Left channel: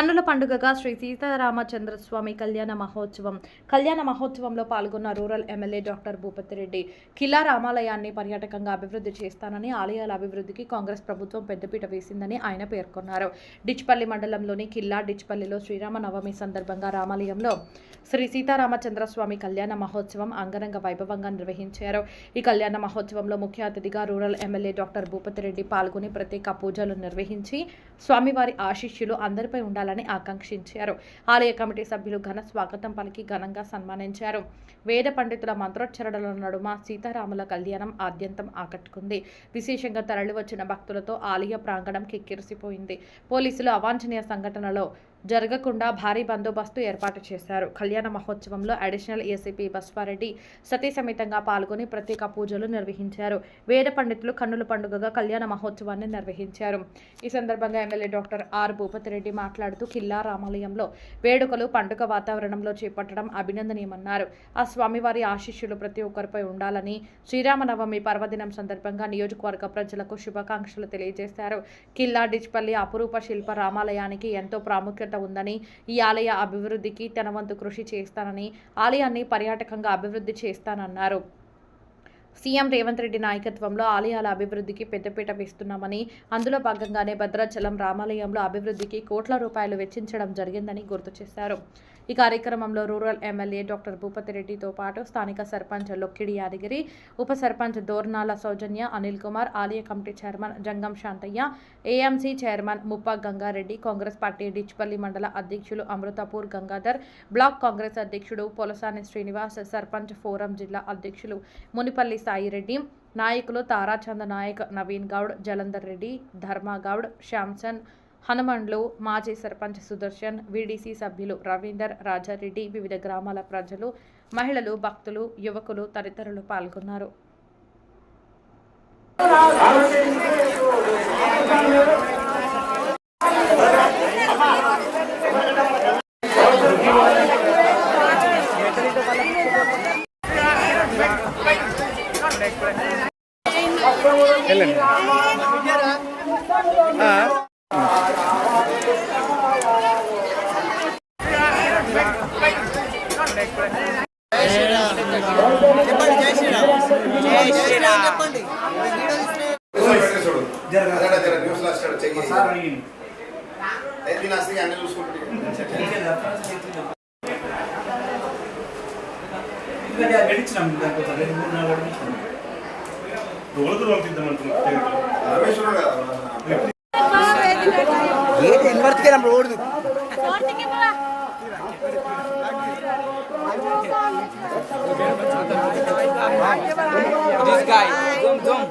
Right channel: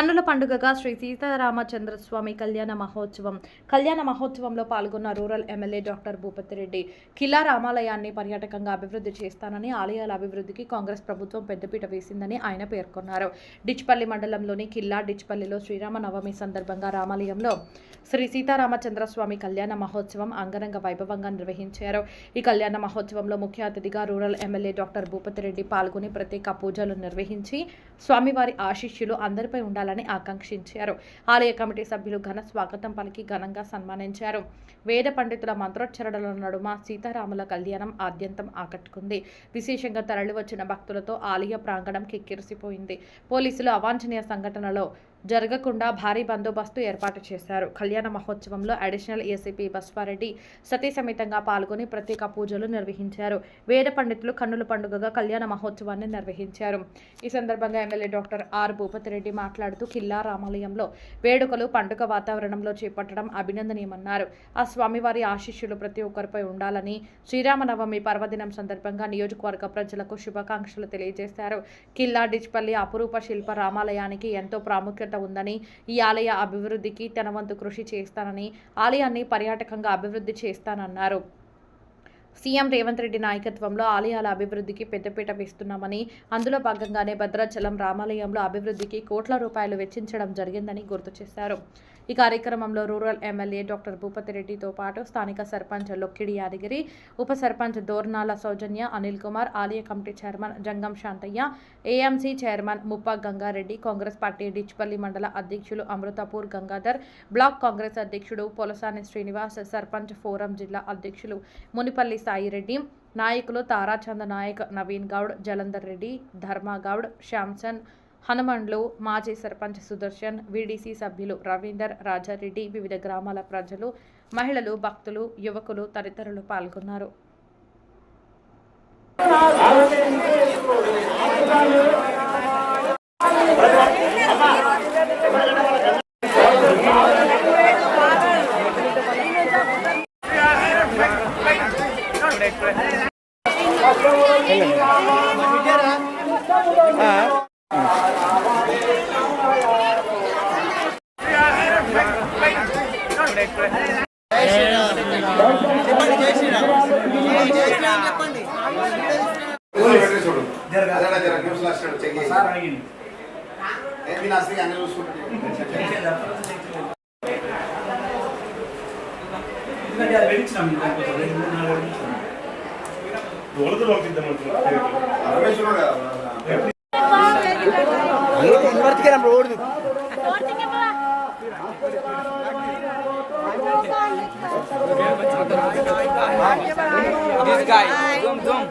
కన్నుల పండుగగా శ్రీ సీతారామచంద్రస్వామి కళ్యాణ మహోత్సవంలో పాల్గొన్న రూరల్ ఎమ్మెల్యే డాక్టర్ భూపతిరెడ్డి కిల్లా రామాలయాన్ని పర్యాటకంగా అభివృద్ధి చేస్తానని, ఆలయాల అభివృద్ధికి కాంగ్రెస్ ప్రభుత్వం పెద్దపీట వేసిందని ఆయన పేర్కొన్నారు. డిచ్పల్లి మండలంలోని కిల్లా డిచ్పల్లిలో శ్రీరామనవమి సందర్భంగా రామాలయంలో శ్రీ సీతారామచంద్రస్వామి కళ్యాణ మహోత్సవం అంగరంగ వైభవంగా నిర్వహించారు. ఈ కళ్యాణ మహోత్సవంలో ముఖ్య అతిథిగా రూరల్ ఎమ్మెల్యే డాక్టర్ భూపతిరెడ్డి పాల్గొని ప్రత్యేక పూజలు నిర్వహించి స్వామివారి ఆశీస్సులు అందరిపై ఉండాలని ఆకాంక్షించారు. ఆలయ కమిటీ సభ్యులు ఘన స్వాగతం పలికి ఘనంగా సన్మానించారు. వేద పండితుల మంత్రోచ్చరణల నడుమ సీతారాముల కళ్యాణం ఆద్యంతం ఆకట్టుకుంది. విశేషంగా తరలివచ్చిన భక్తులతో ఆలయ ప్రాంగణం కిక్కిరిసిపోయింది. పోలీసులు అవాంఛనీయ సంఘటనలో జరగకుండా భారీ బందోబస్తు ఏర్పాటు చేశారు. కళ్యాణ మహోత్సవంలో అడిషనల్ ఏసీపీ బస్వారెడ్డి సతీ సమేతంగా పాల్గొని ప్రత్యేక పూజలు నిర్వహించారు. వేద పండితులు కన్నుల పండుగగా కళ్యాణ మహోత్సవాన్ని నిర్వహించారు. ఈ సందర్భంగా ఎమ్మెల్యే డాక్టర్ ఆర్ భూపతిరెడ్డి మాట్లాడుతూ కిల్లా రామాలయంలో వేడుకలు పండుగ వాతావరణంలో చేపట్టడం అభినందనీయమన్నారు. ఆ స్వామివారి ఆశీస్సులు ప్రతి ఒక్కరిపై ఉండాలని శ్రీరామనవమి పర్వదినం సందర్భంగా నియోజకవర్గ ప్రజలకు శుభాకాంక్షలు తెలియజేశారు. కిల్లా డిచ్పల్లి అపురూప శిల్ప రామాలయానికి ఎంతో ప్రాముఖ్యత ఉందని, ఈ ఆలయ అభివృద్ధికి తన వంతు కృషి చేస్తానని, ఆలయాన్ని పర్యాటకంగా అభివృద్ధి చేస్తానన్నారు. సీఎం రేవంత్ రెడ్డి నాయకత్వంలో ఆలయాల అభివృద్ధికి పెద్దపీట వేస్తున్నామని, అందులో భాగంగానే భద్రాచలం రామాలయంలో అభివృద్ధికి కోట్ల రూపాయలు వెచ్చించడం జరిగిందని గుర్తు చేశారు. ఈ కార్యక్రమంలో రూరల్ ఎమ్మెల్యే డాక్టర్ భూపతిరెడ్డితో పాటు స్థానిక సర్పంచ్ లొక్కిడి యాదగిరి, ఉప సర్పంచ్ దోర్నాల సౌజన్య, అనిల్ కుమార్, ఆలయ కమిటీ చైర్మన్ జంగం శాంతయ్య, ఏఎంసీ చైర్మన్ ముప్ప గంగారెడ్డి, కాంగ్రెస్ పార్టీ డిచ్పల్లి మండల అధ్యక్షులు అమృతపూర్ గంగాధర్, బ్లాక్ కాంగ్రెస్ అధ్యక్షుడు పొలసాని శ్రీనివాస్, సర్పంచ్ ఫోరం జిల్లా అధ్యక్షులు మునిపల్లి సాయిరెడ్డి, నాయకులు తారాచంద నాయక్, నవీన్ గౌడ్, జలంధర్ రెడ్డి, ధర్మగౌడ్, శ్యామ్సన్, హనుమండ్లు, మాజీ సర్పంచ్ సుదర్శన్, వీడీసీ సభ్యులు రవీందర్, రాజారెడ్డి, వివిధ గ్రామాల ప్రజలు, మహిళలు, భక్తులు, యువకులు తదితరులు పాల్గొన్నారు. This guy, zoom.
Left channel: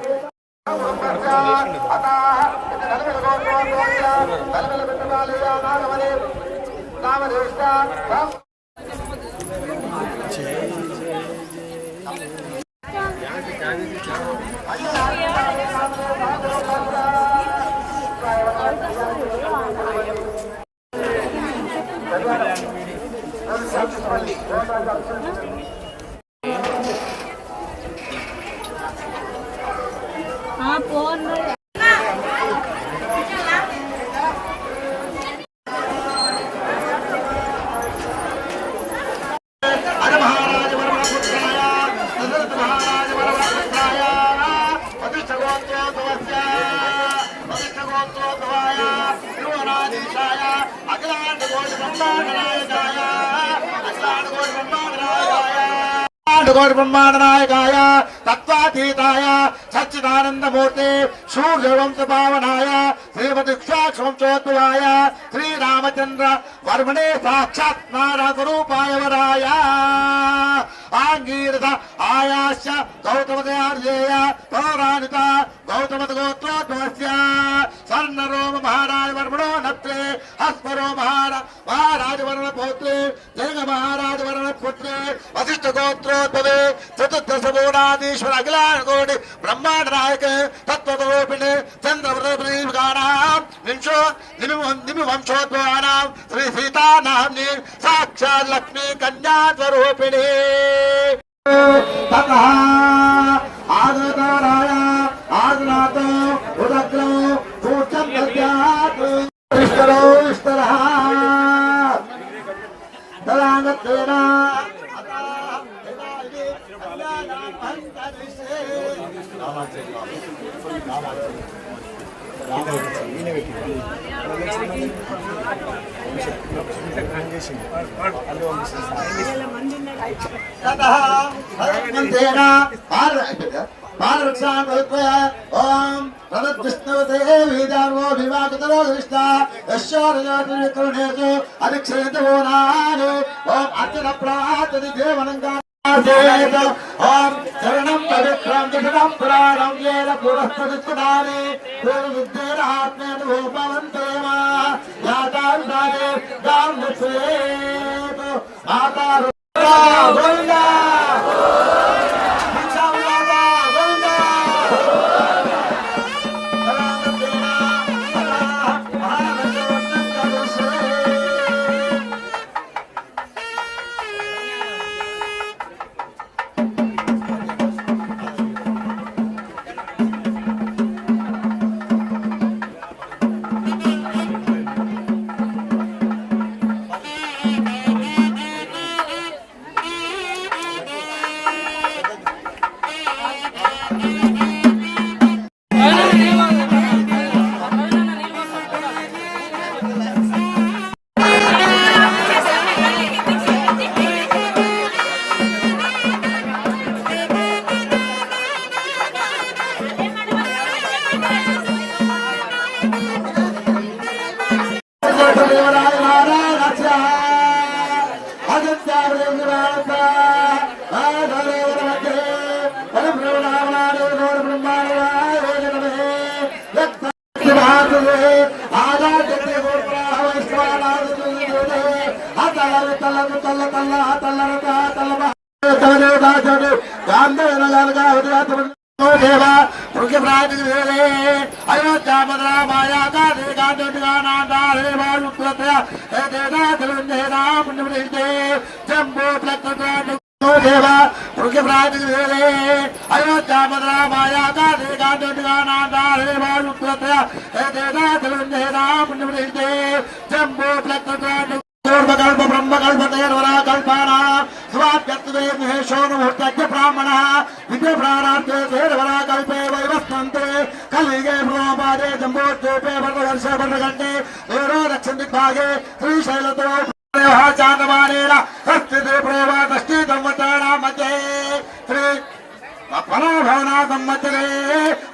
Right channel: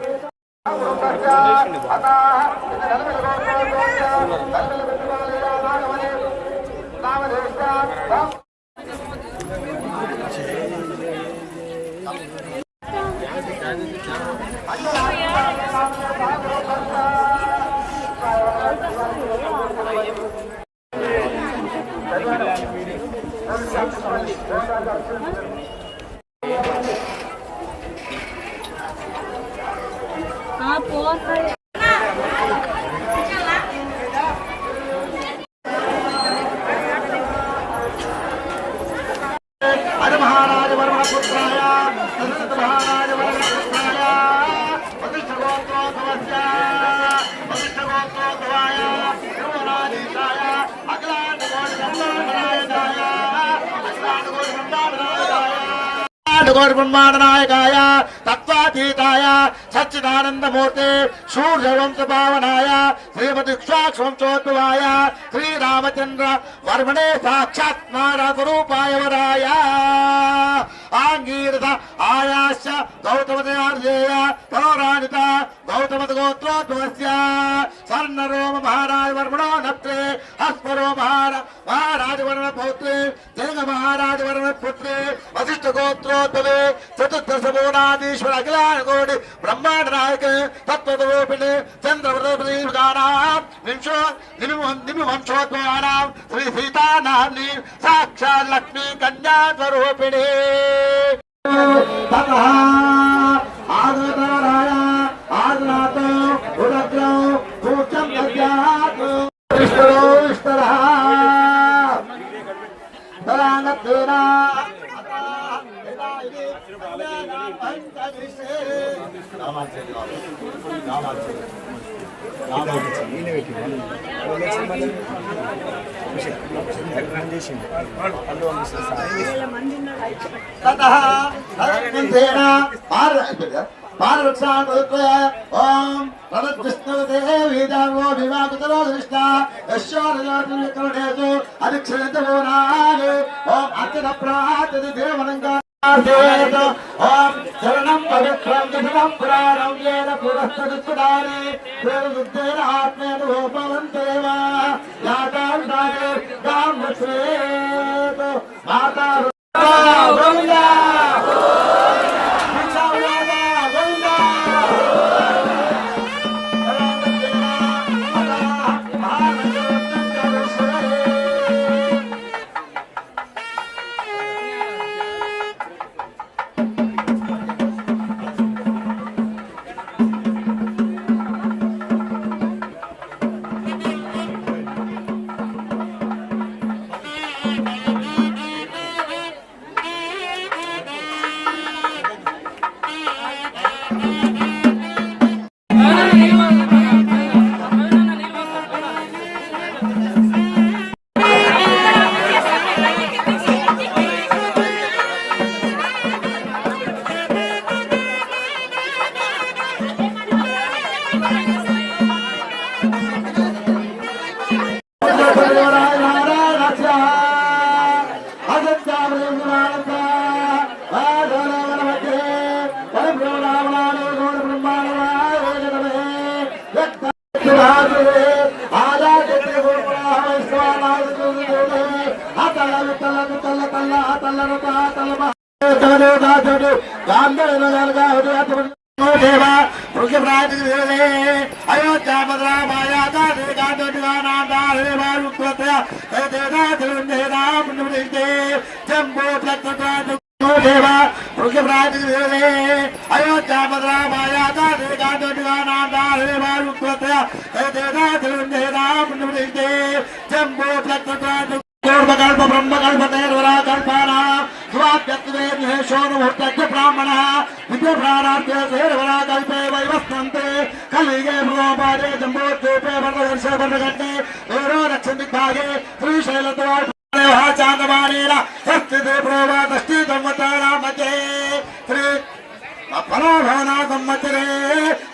ब्रह्मांडनायकाय तत्वातीताय सच्चिदानंदमूर्ति सूर्यवंशपावनाय श्रीमतीक्षाक्षोत्सवाय श्रीरामचंद्र वर्मणे साक्षात् नारदरूपाय वराय आंगीरथ आयाश्च गौतमदयार्जेय पौराणित गौतमदगोत्रोद्भवस्य स्वर्णरोम महाराज वर्मणो नत्रे हस्परो महाराज वर्म पौत्रे जैन महाराज वर्म पुत्रे वशिष्ठ गोत्रोद्भवे चतुर्दश मूलाधीश्वर अखिलांड कोटि ब्रह्मांड नायक तत्वरूपिणे चंद्रप्रदीपगानां विंशो निमिवंशोद्भवानां श्री सीता नाम्नि साक्षात् लक्ष्मी कन्या स्वरूपिणी ततः आगताराय आगनातो उदग्रो पूज्यं दद्यात् ईश्वरो ईश्वरः ఓం విష్ణుదేవి దేవో వివాహితో దృష్ట యశోరేషు అభిక్షేతమో నాని ఓం అర్చన ప్రాతది దేవనంగా ఓం శరణం పవిత్రం జగదం పురాణం ఏన పురస్కృతాని ప్రవిద్దేన ఆత్మేన భూపవంతేమా యాతాండాదే గామశ్రేతో ఆతారు గోవిందా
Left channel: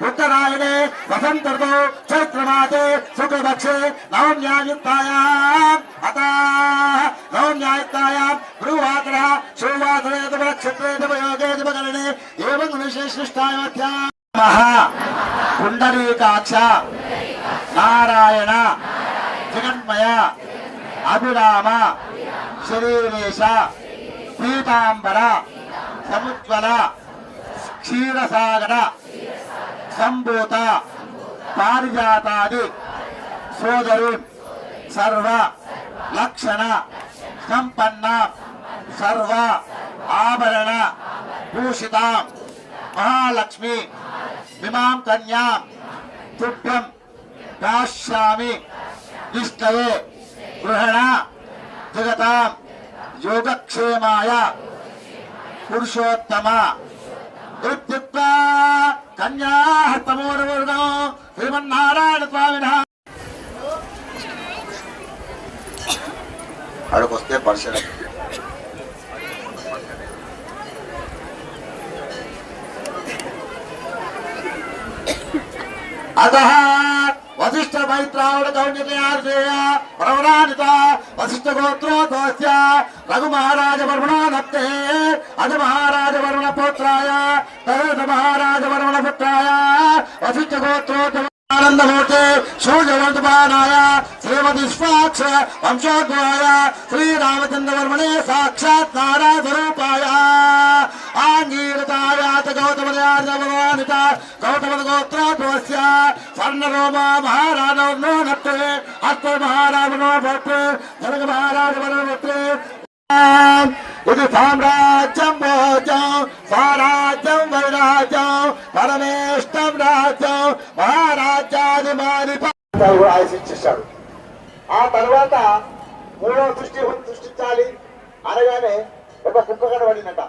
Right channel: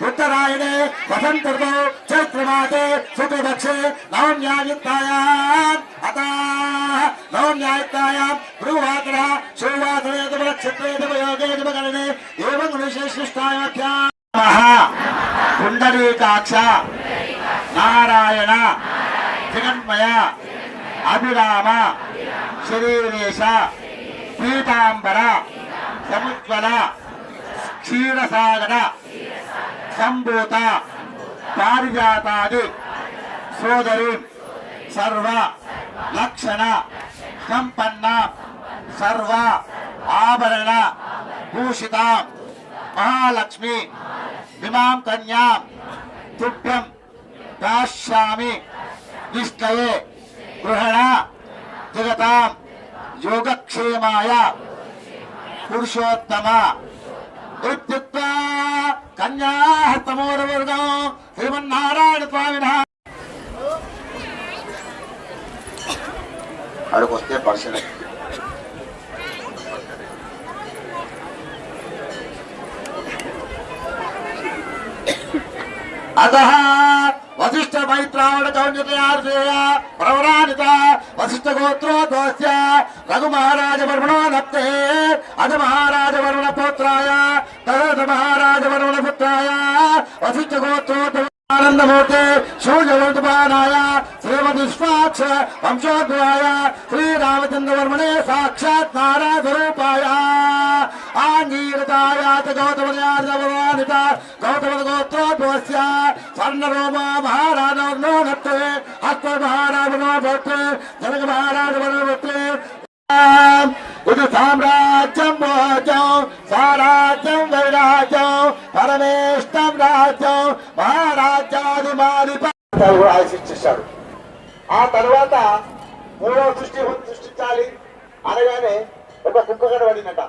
उत्तरायणे वसंत ऋतौ चैत्रमासे शुक्लपक्षे नवम्यायुक्तायाम् अतः नवम्यायुक्तायाम् गुरुवासरः शुभवासरे नक्षत्रे योगे दिवकरणे एवं विशेषिष्टायाम् पुंडरीकाक्ष नारायण जगन्मय अभिराम श्रीवेश पीतांबर समुज्वल क्षीरसागर संभूत पारिजातादि सोदरी सर्व लक्षण संपन्न सर्व आभरण भूषिता महालक्ष्मी इमां कन्या तुभ्यं दास्यामि निष्ठये गृहण जगतां योगक्षेमाय पुरुषोत्तम इत्युक्त्वा कन्याहस्तमोरवर्गो श्रीमन्नारायण स्वामिनः అడుగొస్తే పరిశీలన अतः वसिष्ठ मैत्रावण कौन्यर्जय प्रवणानित वसिष्ठ गोत्रोद्वस्य रघु महाराज वर्मणो नप्ते अज महाराज वर्मण पुत्राय तद महाराज वर्मण पुत्राय वसिष्ठ गोत्रोद्वय आनंदमूर्ते सूर्यवंतपानाय श्रीमद्विश्वाक्ष वंशोद्भवाय श्रीरामचंद्र वर्मणे साक्षात् नारायण स्वरूपाय आंगीरताय गौतमनित गौतम गोत्रोद्भवस्य स्वर्णरोमा महाराज वर्णो नप्ते हस्त महाराज वर्णो भवते जनक महाराज वर्णो भवते ఇది సామ్రాజ్యం భోజం స్వరాజ్యం వైరాజ్యం పరమేష్టం రాజ్యం మహారాజ్యాది మాది ఆశించేశాడు. ఆ తర్వాత మూడవ సృష్టించాలి అనగానే ఒక కుక్క కనబడిందట.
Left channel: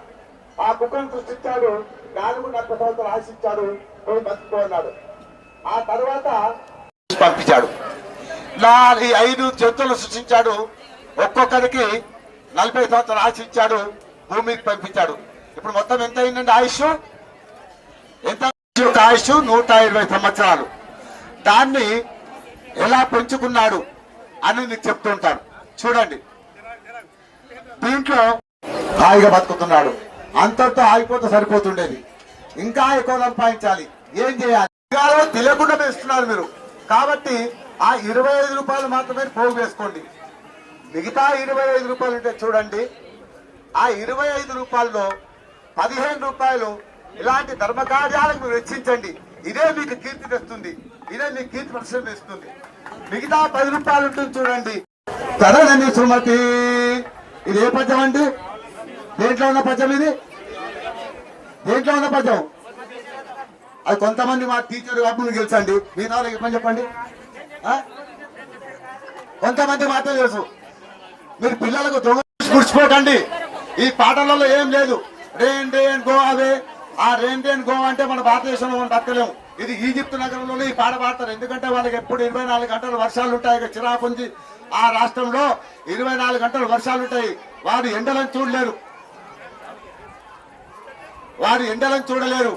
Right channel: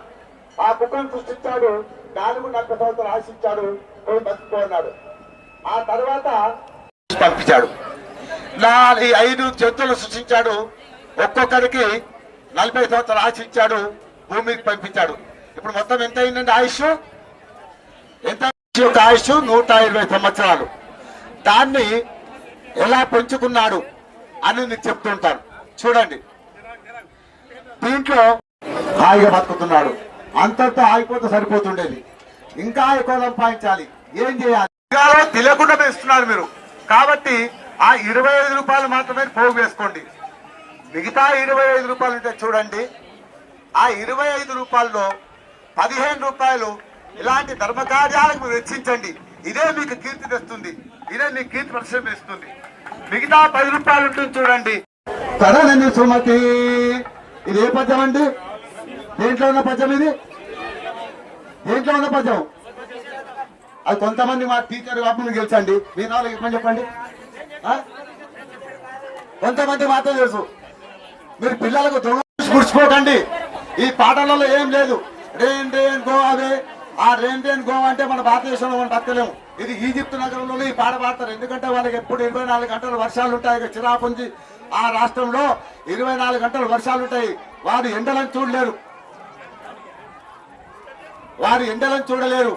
ఆ కుక్కను సృష్టించాడు. నాలుగు 40 సంవత్సరాలు ఆశించాడు, పోయి బతుకున్నాడు. ఆ తర్వాత పంపించాడు. ఈ 5 జంతువులు సృష్టించాడు, ఒక్కొక్కరికి 40 సంవత్సరాలు ఆశించాడు, భూమికి పంపించాడు. ఇప్పుడు మొత్తం ఎంత అయిందండి ఆయుష్? ఎంత యొక్క ఆయుష్? 120 సంవత్సరాలు. దాన్ని ఎలా పెంచుకున్నాడు అని నీకు చెప్తుంటాను. చూడండి, దీంట్లో హాయిగా బతుకుతున్నాడు. అంతటితో ఆగిపోతే సరిపోతుండేది, ఇంకా ఎక్కువ సంపాదించాలి. ఏం చేయాలి? తెలియకుండా పెంచుతున్నారు మీరు. కాబట్టి ఆ 25 రూపాయలు మాత్రమే పోగు వేసుకోండి. మిగతా 25 రూపాయలు ఉంటే చూడండి, ఆ 25 రూపాయల్లో 15 రూపాయలు ఇలాంటి ధర్మ కార్యాలకు మీరు వెచ్చించండి. ఇదే మీకు కీర్తి తెస్తుంది, ఇదే మీకు కీర్తి ప్రదర్శన ఇస్తుంది. మిగతా 10 రూపాయలు ఉంటుంది చూడండి. తడనని సుమతి, ఇది ఏ పద్యం అండి? దేంట్లో ఉన్న పద్యం ఇది? దేంట్లో ఉన్న పద్యం? అది కొంతమంది మా టీచర్ అప్పుడు గెలిచండి, మీ నాలుగు చెప్పని చెప్పండి. కొంతమంది మాత్రం తెలుసు. మీరు పిల్లలకు గుర్చిపోకండి. ఈ పాటలలో ఏం లేదు. Rain rain go away. ఆ రేన్ రేన్ గో అంటే మన భారతదేశంలో మనం బతకలేము. ఇది ఈజిప్ట్ నగరంలోనే ఈ పాట పాడతారు. ఎందుకంటే వాళ్ళకి ఎప్పుడు 24 గంటలు వర్షాలు ఉంటాయి. చిరాపుంజి ఆ రాష్ట్రంలో 24 గంటలు వర్షాలు ఉంటాయి. వారు ఎండలను చూడలేరు, వారు ఎండలను చూడలేరు,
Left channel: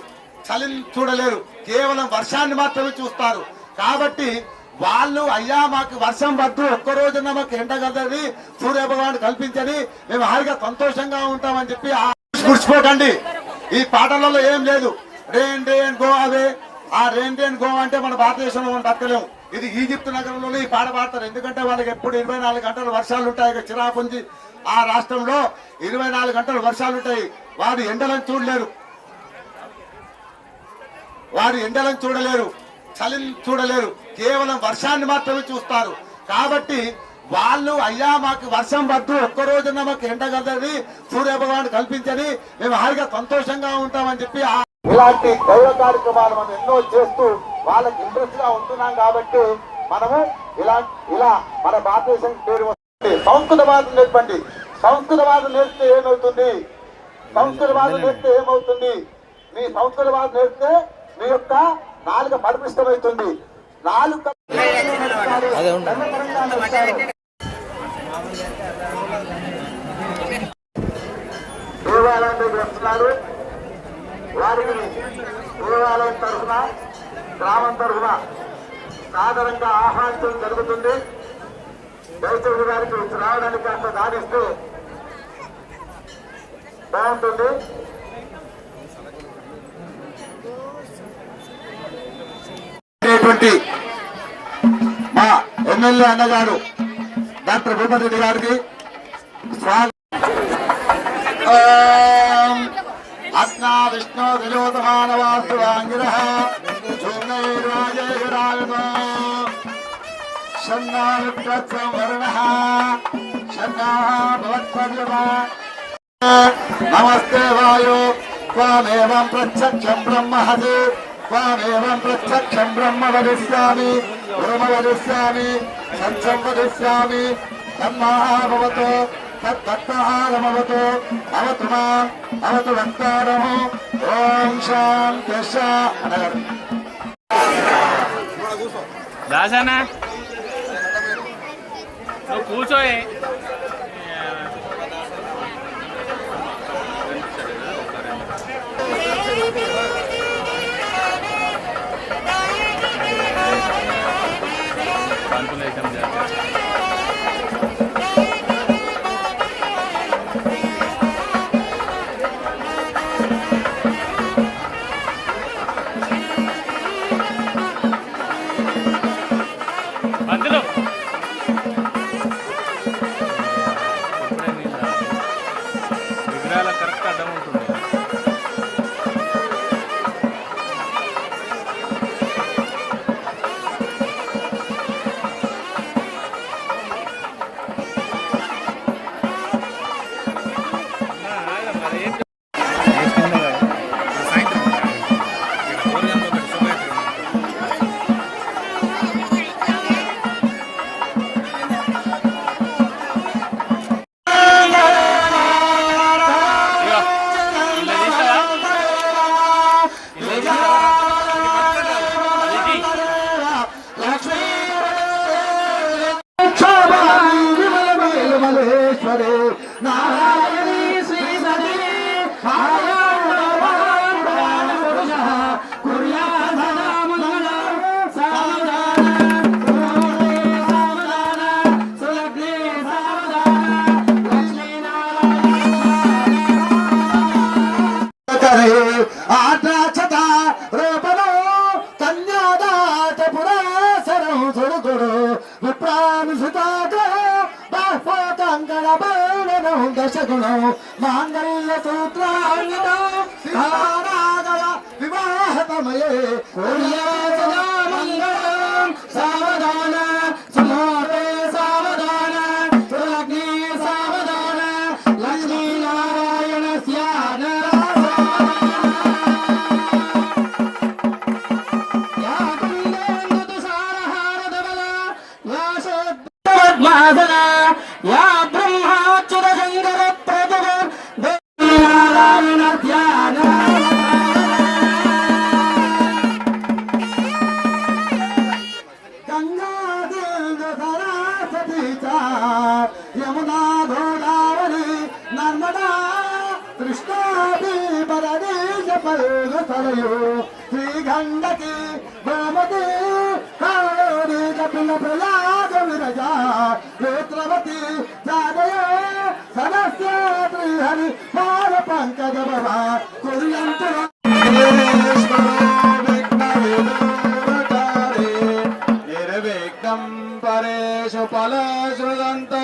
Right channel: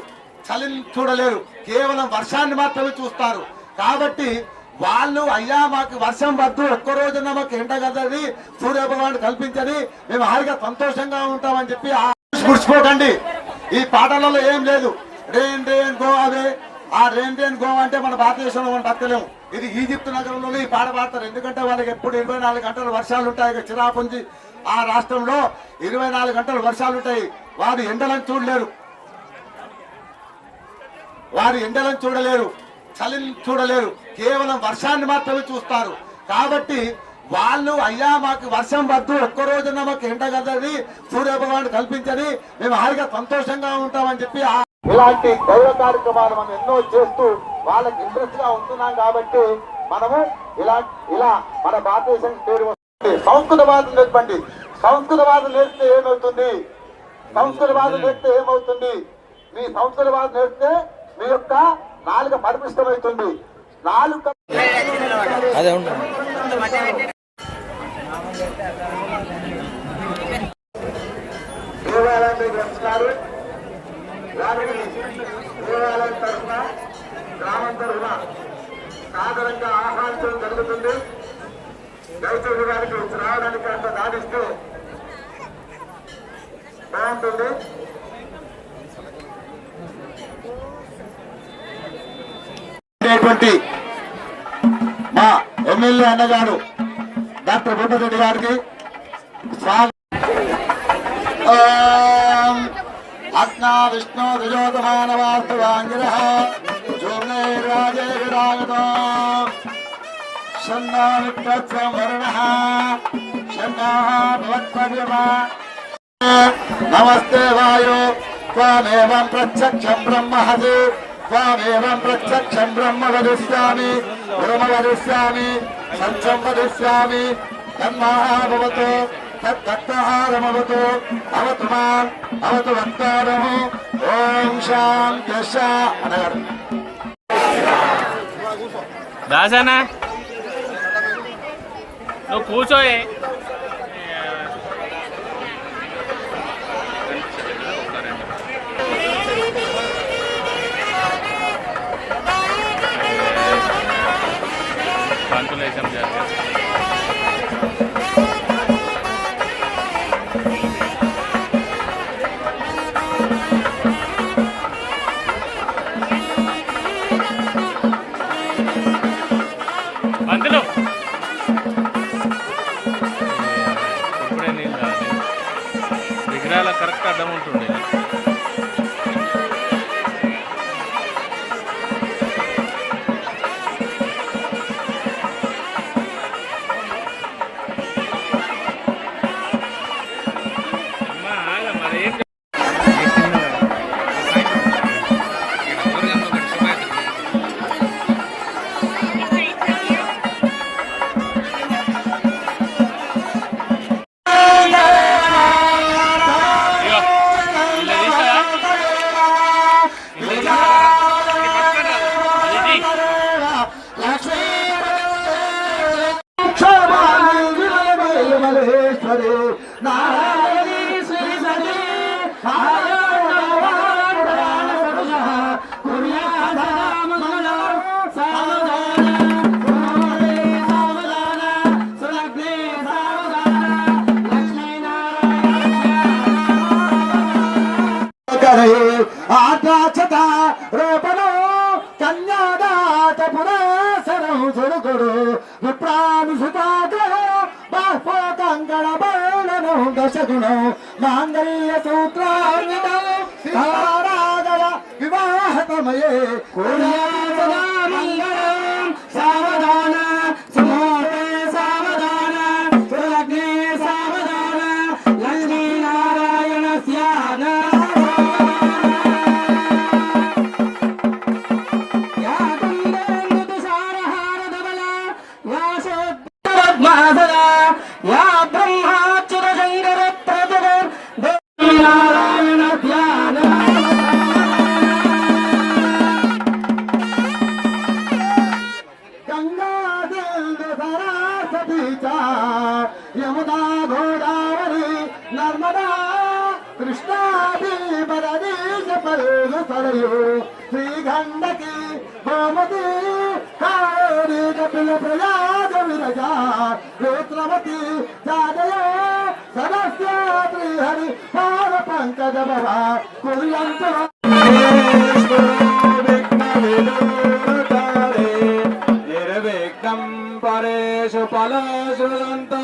చలిని చూడలేరు, కేవలం వర్షాన్ని మాత్రమే చూస్తారు. కాబట్టి వాళ్ళు అయ్యా మాకు వర్షం వద్దు, ఒక్కరోజున మాకు ఎండ కదది, సూర్య భగవాన్ కల్పించని మేము హాయిగా సంతోషంగా ఉంటామని చెప్పి గుర్చిపోకండి. ఈ పాటలలో ఏం లేదు. Rain rain go away. ఆ రేన్ రేన్ గో అంటే మన భారతదేశంలో మనం బతకలేము. ఇది ఈజిప్ట్ నగరంలోనే ఈ పాట పాడతారు. ఎందుకంటే వాళ్ళకి ఎప్పుడు 24 గంటలు వర్షాలు ఉంటాయి. చిరాపుంజి ఆ రాష్ట్రంలో 24 గంటలు వర్షాలు ఉంటాయి. వారు ఎండలను చూడలేరు, వారు ఎండలను చూడలేరు, చలిని చూడలేరు, కేవలం వర్షాన్ని మాత్రమే చూస్తారు. కాబట్టి వాళ్ళు అయ్యా మాకు వర్షం వద్దు, ఒక్కరోజున మాకు ఎండ కదది, సూర్య భగవాన్ కల్పించని మేము హాయిగా సంతోషంగా ఉంటామని చెప్పి ఇలాంటి గౌరవ కార్యక్రమాలు మనం ఎన్నో చేస్తూ వాళ్ళకి ఇంట్రెస్ట్ గా ఉంటున్నాం. కాబట్టి మనము ఇలా మన భారతదేశం పేరు వస్తుంది. సంస్కృతవాదం నేర్పండి. సంస్కృతవాదం నేర్పితే ఏమవుతుంది? సంస్కృతవాదం నేర్పితే ఏమవుతుంది? మీ సంస్కృతవాదం నేర్పితే మీ యొక్క నాలుక పరిపుష్టమవుతుంది. నాలుక దేవాలయంలోకి వస్తున్నారు. వారిని దేవాలయం తరఫున, గ్రామం తరఫున సాధారణంగా ఆహ్వానించడం జరుగుతుంది. దయచేసి గారికి రావడానికి అంత దానిస్తే బాగుంటుంది. మా ఎమ్మెల్యే అన్నగారు డాక్టర్ భూపతి రెడ్డి గారికి స్వాగతం. అస్నా విష్ణు దుజోతమానవాస్తువాంగిరః జోమ్నైర్వాజైరాగతో షన్నామిత్రత్సం వరుణః షన్నాః భవత్పర్యమా. నమస్తే వాయు త్వమేవం ప్రత్యక్షం బ్రహ్మహసి త్వమేవం ప్రత్యక్షం బ్రహ్మ వదిష్యామి బ్రహ్మ వదిష్యామి సత్యం వదిష్యామి తన్నః భవతు తత్తః రమవతు అవతు మాం అవతు వంతారః. ఓం శాంతి అన్నగారు దాసనా నువ్వు కూర్చోయే. అందులో మహేశ్వరి నారాయణి శ్రీ సతి ఆటాచట రేపను కన్యాదాత పురాసరం సుడుకుడు విప్రానుసుతాతో బాహ్వ కంకణ బౌలను దశగుణం మాంగళ్య సూత్రాన్వితం రాఘవ వివాహతమయే కోర్యాసనా మంగళం సావధాన సమోరే సావధాన సులగ్నే సావధాన లక్ష్మీనారాయణ స్యాన యా బ్రహ్మాచ్యుత శంకర ప్రభుర్ నారాయణ ధ్యాన గంగా సరస్వతి యమునా గోదావరి నర్మదా కృష్ణా భీమరదేశ పరుగు సరయు శ్రీగండకి గోమతి కావేరి కపిల ప్రయాగ విరజ నేత్రవతి జాగయ సరస్వతి హరి పాద పంకజ భవ కుర్యంతు నిర్విఘ్నం పరేషు ఫలేషుదంతో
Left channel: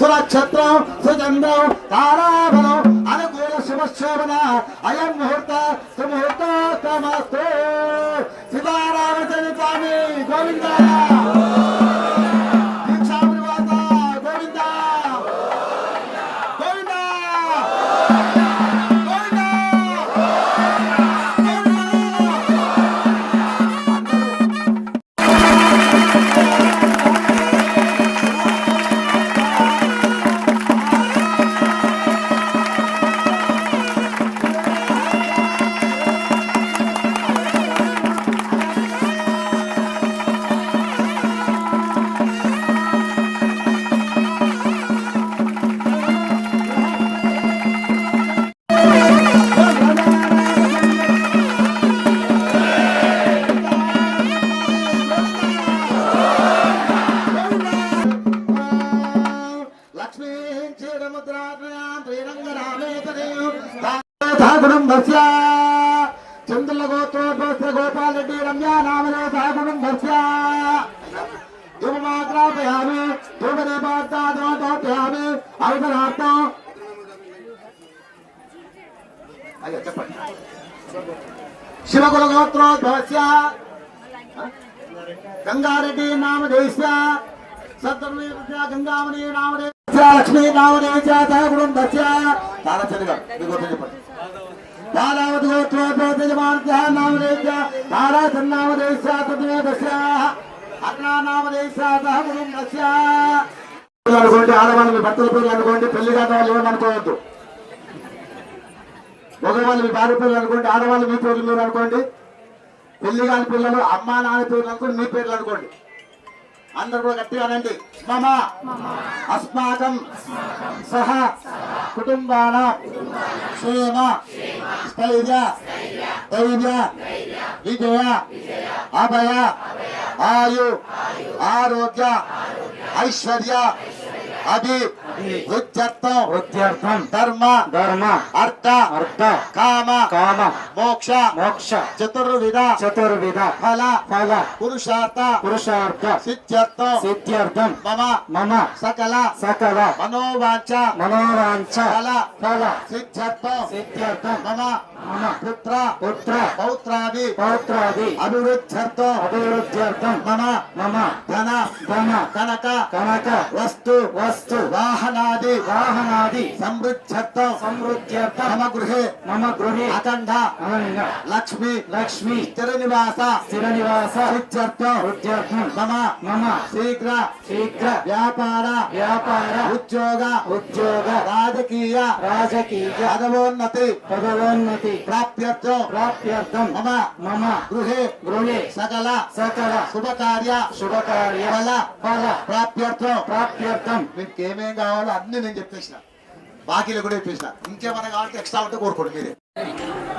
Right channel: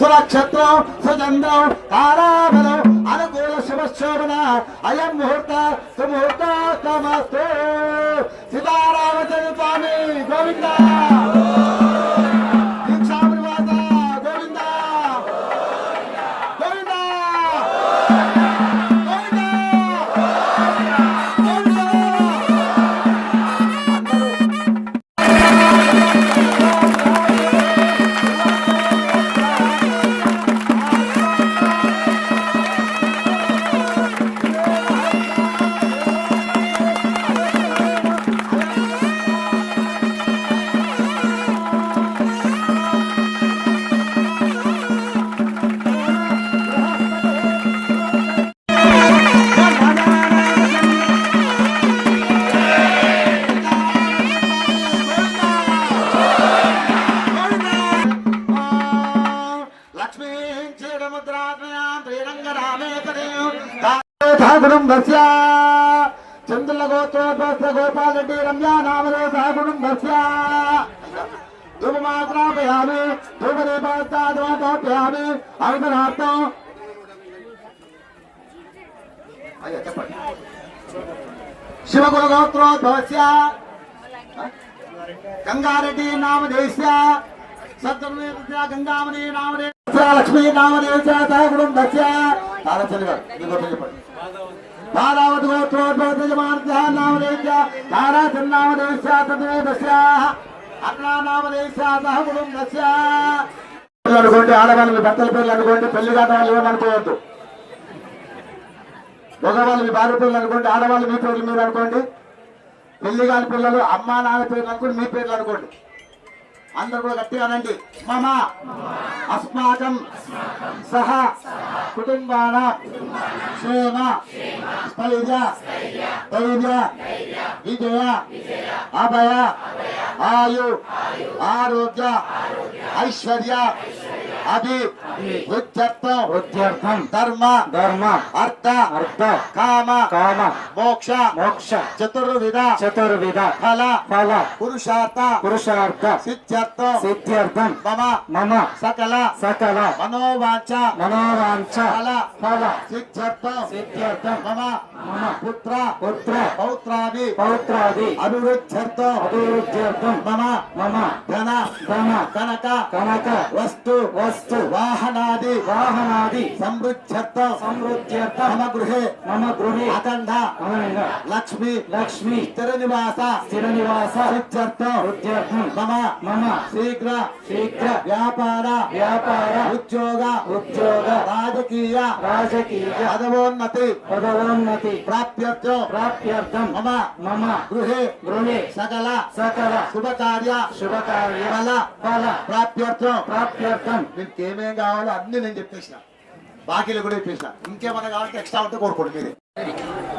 సురక్షత్రం సుగంధం తారాబలం అనుకూల శుభశోభన అయం ముహూర్త సుముహూర్త సమస్తు సీతారామచంద్ర స్వామి గోవింద దీక్షాభివాద గోవింద గోవింద కుటుంబస్య చంద్రుల గోత్రోద్భవస్య గోపాల్ రెడ్డి రమ్యా నామదేవ కుటుంబస్య ధూమమాత్రాపయామి ధూమదీపాత్తాదోపయామి అవసరార్థం అయ్యో చెప్పండి శివకుల గోత్రోద్భవస్య గంగారెడ్డి నామదేశ్య సత్వమేవ గంగామణి నామదేశ్య లక్ష్మీ నామదేశ్య కుటుంబస్య చాలా తెలుగు మీకు చెప్పండి బాలావతి గోత్రోద్భవస్య నామదేశ్య తారా సన్నామదేశ్య తద్వేదస్య అన్నా నామదేశ్య కుటుంబస్య అనుకోండి ఆడవాళ్ళు మీ భర్తల పేర్లు అనుకోండి పెళ్లి కాని వాళ్ళు ఏమనుకోవద్దు మగవాళ్ళు మీ భార్య పేర్లు అనుకోండి ఆడవాళ్ళు మీ పేర్లు మీరు అనుకోండి పెళ్లి కాని పిల్లలు అమ్మా నాన్న పేర్లు అనుకోండి మీ పేర్లు అనుకోండి అందరూ కూడా గట్టిగా అనండి మమ అస్మాకం సహ కుటుంబాన క్షేమ స్థైర్య ధైర్య విజయ అభయ ఆయు ఆరోగ్య ఐశ్వర్య అభి ఉద్యర్థం ధర్మ అర్థ కామ మోక్ష చతుర్విధ ఫల పురుషార్థ సిద్ధ్యర్థం మమ సకల మనోవాంఛ ఫల సిద్ధ్యర్థం మమ పుత్ర పుత్ర పౌత్రాది పౌత్రాది అభివృద్ధ్యర్థం అభివృద్ధ్యర్థం మమ మమ ధన ధన కనక కనక వస్తు వస్తు వాహనాది వాహనాది సమృద్ధ్యర్థం సమృద్ధ్యర్థం మమ గృహే మమ గృహే అఖండ అఖండ లక్ష్మి లక్ష్మి స్థిర నివాస స్థిర నివాస సిద్ధ్యర్థం వృద్ధ్యర్థం మమ మమ శీఘ్ర శీఘ్ర వ్యాపార వ్యాపార ఉద్యోగ ఉద్యోగ రాజకీయ రాజకీయ పదవోన్నతి పదవోన్నతి ప్రాప్త్యర్థం ప్రాప్త్యర్థం మమ మమ గృహే గృహే సకల సకల శుభకార్య శుభకార్య ఫల ఫల ప్రాప్త్యర్థం ప్రాప్త్యర్థం మీకు ఏమేం కావాలో అన్ని నేను చెప్పేసిన బాకీలు కూడా చెప్పేసిన ఇంకేమైనా కావాలంటే ఎక్స్ట్రా ఉంటే కోరుకోండి మీరే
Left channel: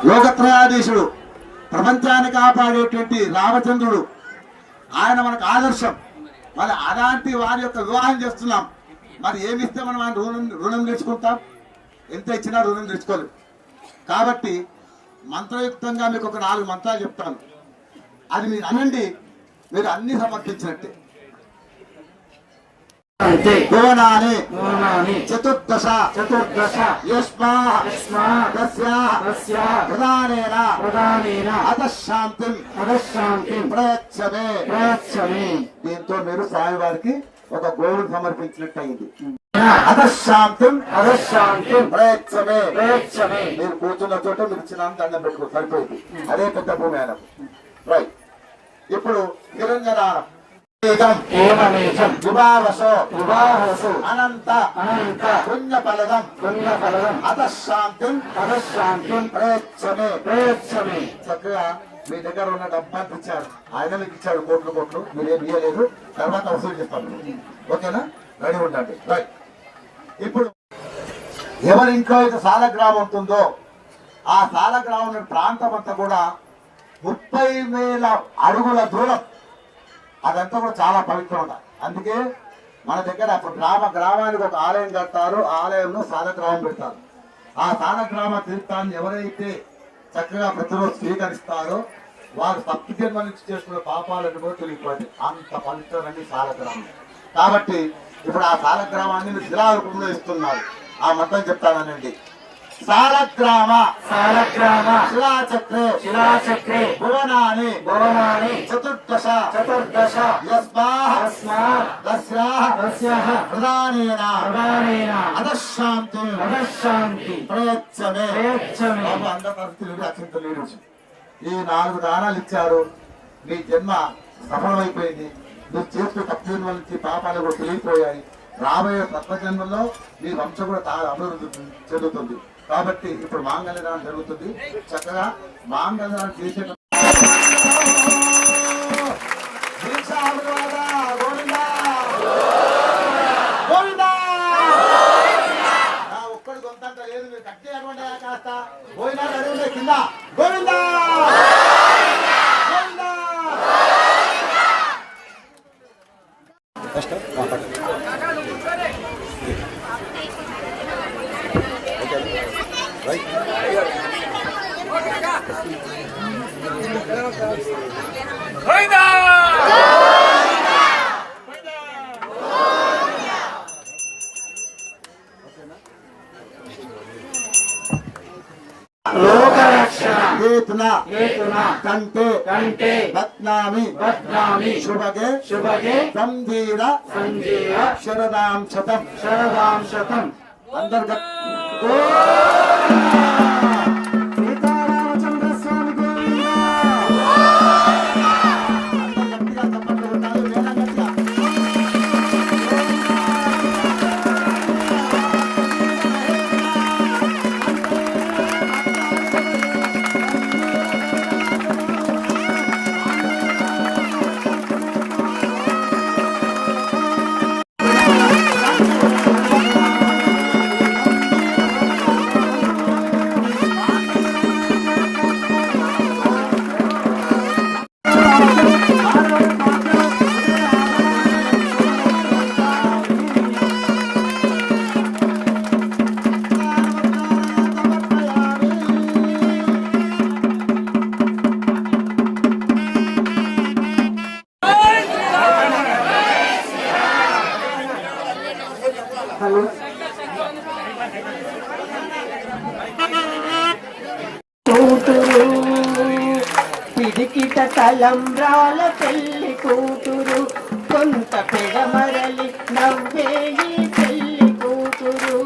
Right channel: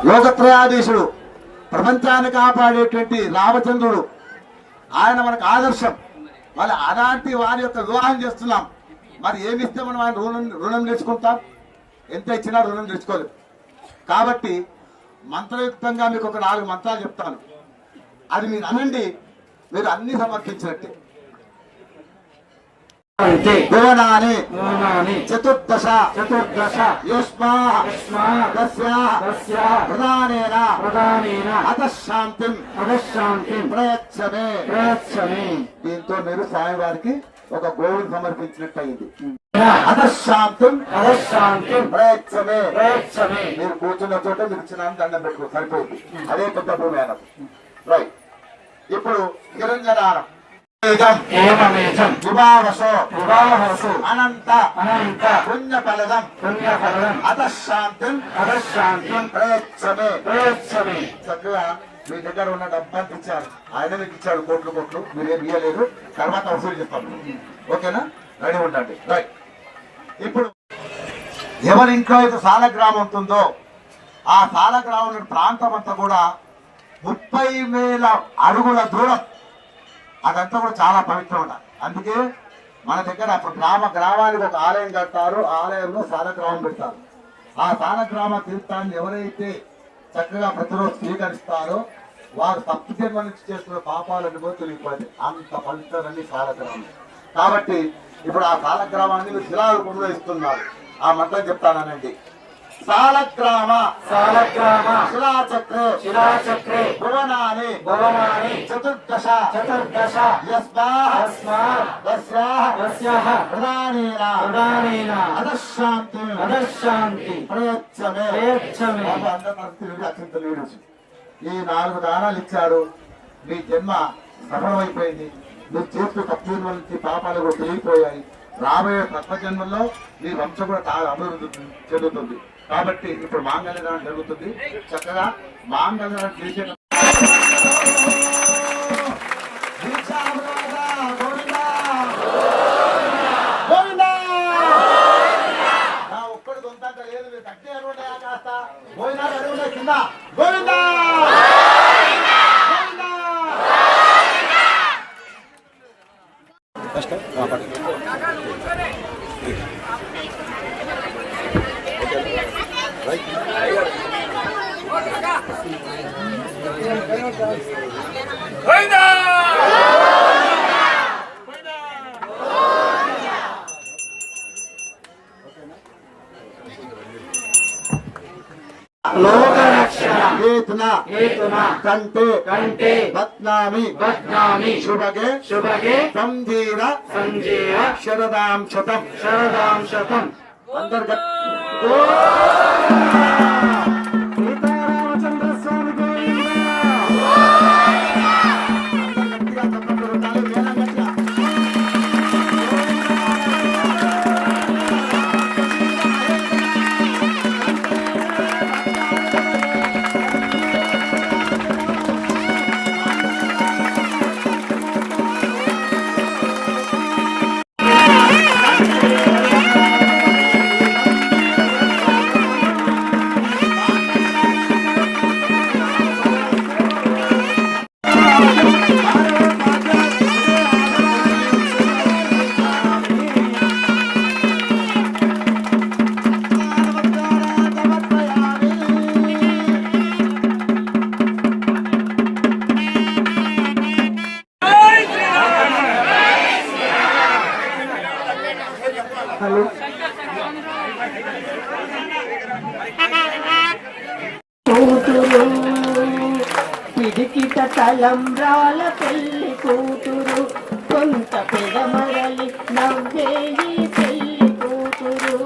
లోకత్రయాధీశుడు ప్రపంచాన్ని కాపాడేటువంటి రామచంద్రుడు ఆయన మనకు ఆదర్శం మరి అలాంటి వారి యొక్క వివాహం చేస్తున్నాం మరి ఏమి ఇస్తే మనం ఆయన రుణం తెచ్చుకుంటాం ఎంత ఇచ్చినా రుణం తెచ్చుకోలేం కాబట్టి మంత్రయుక్తంగా మీకు ఒక 4 మంత్రాలు చెప్తాను అది మీరు అనండి మీరు అన్ని సమర్పించినట్టే భువనాని భువనాని చతుర్దశ చతుర్దశ యస్మాస్య ప్రధానేన ప్రధానేన అతశాంతిం అదశాంతిం ప్రయచ్చమే ప్రయచ్చమే దీంతో మీరు స్వామివారికి ఒక గోవును సమర్పించినట్టు అయింది అతశాంతిం అదశాంతిం ప్రయచ్చమే ప్రయచ్చమే మీరు కూర్చున్న చోట మీరు చిన్న దండం పెట్టుకో సరిపోయింది అదే పెద్ద భూమి అయిన రైట్ ఇప్పుడు నిరంజనానం ఏమేజం విభావసో వివాహసు అనంత అనంత పుణ్యఫలదం పుణ్యఫలం అతశాంతిం అదశాంతిం ప్రయచ్చమే ప్రయచ్చమే చక్కగా మీ దగ్గర ఉన్న డబ్బాకి ఇచ్చారు ఆయన మీకు ఇచ్చాడు కోట్లు మీరేం ఇయ్యలేదు తర్వాత వసూలు చేస్తాం ఓకేనా రెడీ ఉండండి రైట్ ఇప్పుడు ఎవరి ఇంట్లో అయితే సాలగ్రామం ఉంటుందో ఆ సాలగ్రామం ప్రాంతం అంతా కూడా 30,000 అడుగుల దూరం అదంతా కూడా చాలా పవిత్రం ఉండాలి అందుకే మన దగ్గర అప్పుడు గ్రామానికి ఒక ఆలయం కడతారు ఆలయంలో సాలగ్రామం పెడతారు ఆ సాలగ్రామ తీర్థాన్ని ఎవరైతే చక్కగా ప్రతిరోజు స్వీకరిస్తారో వారు సప్తజన్మ నుంచి చేస్తున్న పాపాలను కూడా తొలగిపోయింది అంత పవిత్రమని సాలగ్రామం కాబట్టి ఇప్పుడు ఆ సాలగ్రామాన్ని మీరు శిలారూపంలో ఇస్తున్నారు ఆ మంత్రం చెప్తానండి సాలగ్రామ సాలగ్రామ శిలాచక్రే శిలాచక్రే భువనాని భవనాని చతుర్దశ చతుర్దశ యస్మాత్ తస్యాః ప్రధానేన ప్రధానేన అదశాంతి అదశాంతి ప్రయచ్చమే ప్రయచ్చమే ఈ 4 దానాలు ఇచ్చారు మీ జన్మ సఫలమైపోయింది మీరు చేసిన తప్పుల నుంచి పాపాలు కూడా తొలగిపోయాయి రాబోయే తత్వజన్మలో మీ వంశం కూడా అభివృద్ధి చెందుతుంది కాబట్టి ఇప్పుడు మాంగళ్యదానం జరుగుతుంది చక్కగా మాంగళ్యదానం చేసే ఒక్కడి కొంత లేదు మీరు కట్టే అరవై కాస్త పోయినా అడుగులే కింద గోవిందా లోకరక్షణ హేతున హేతున కంటే కంటే బద్నామి బద్నామి శుభగే శుభగే సంజీవ సంజీవ శరదాం శతం శరదాం శతం అంతర్గత సీతారామచంద్ర స్వామి గోవింద గట్టిగా చప్పట్లు కొట్టాలి, మేళం గట్టిగా. తలంబ్రాల పెళ్లి కూతురు కొంత పెడమరలి నవ్వే ఈ పెళ్లి కూతురు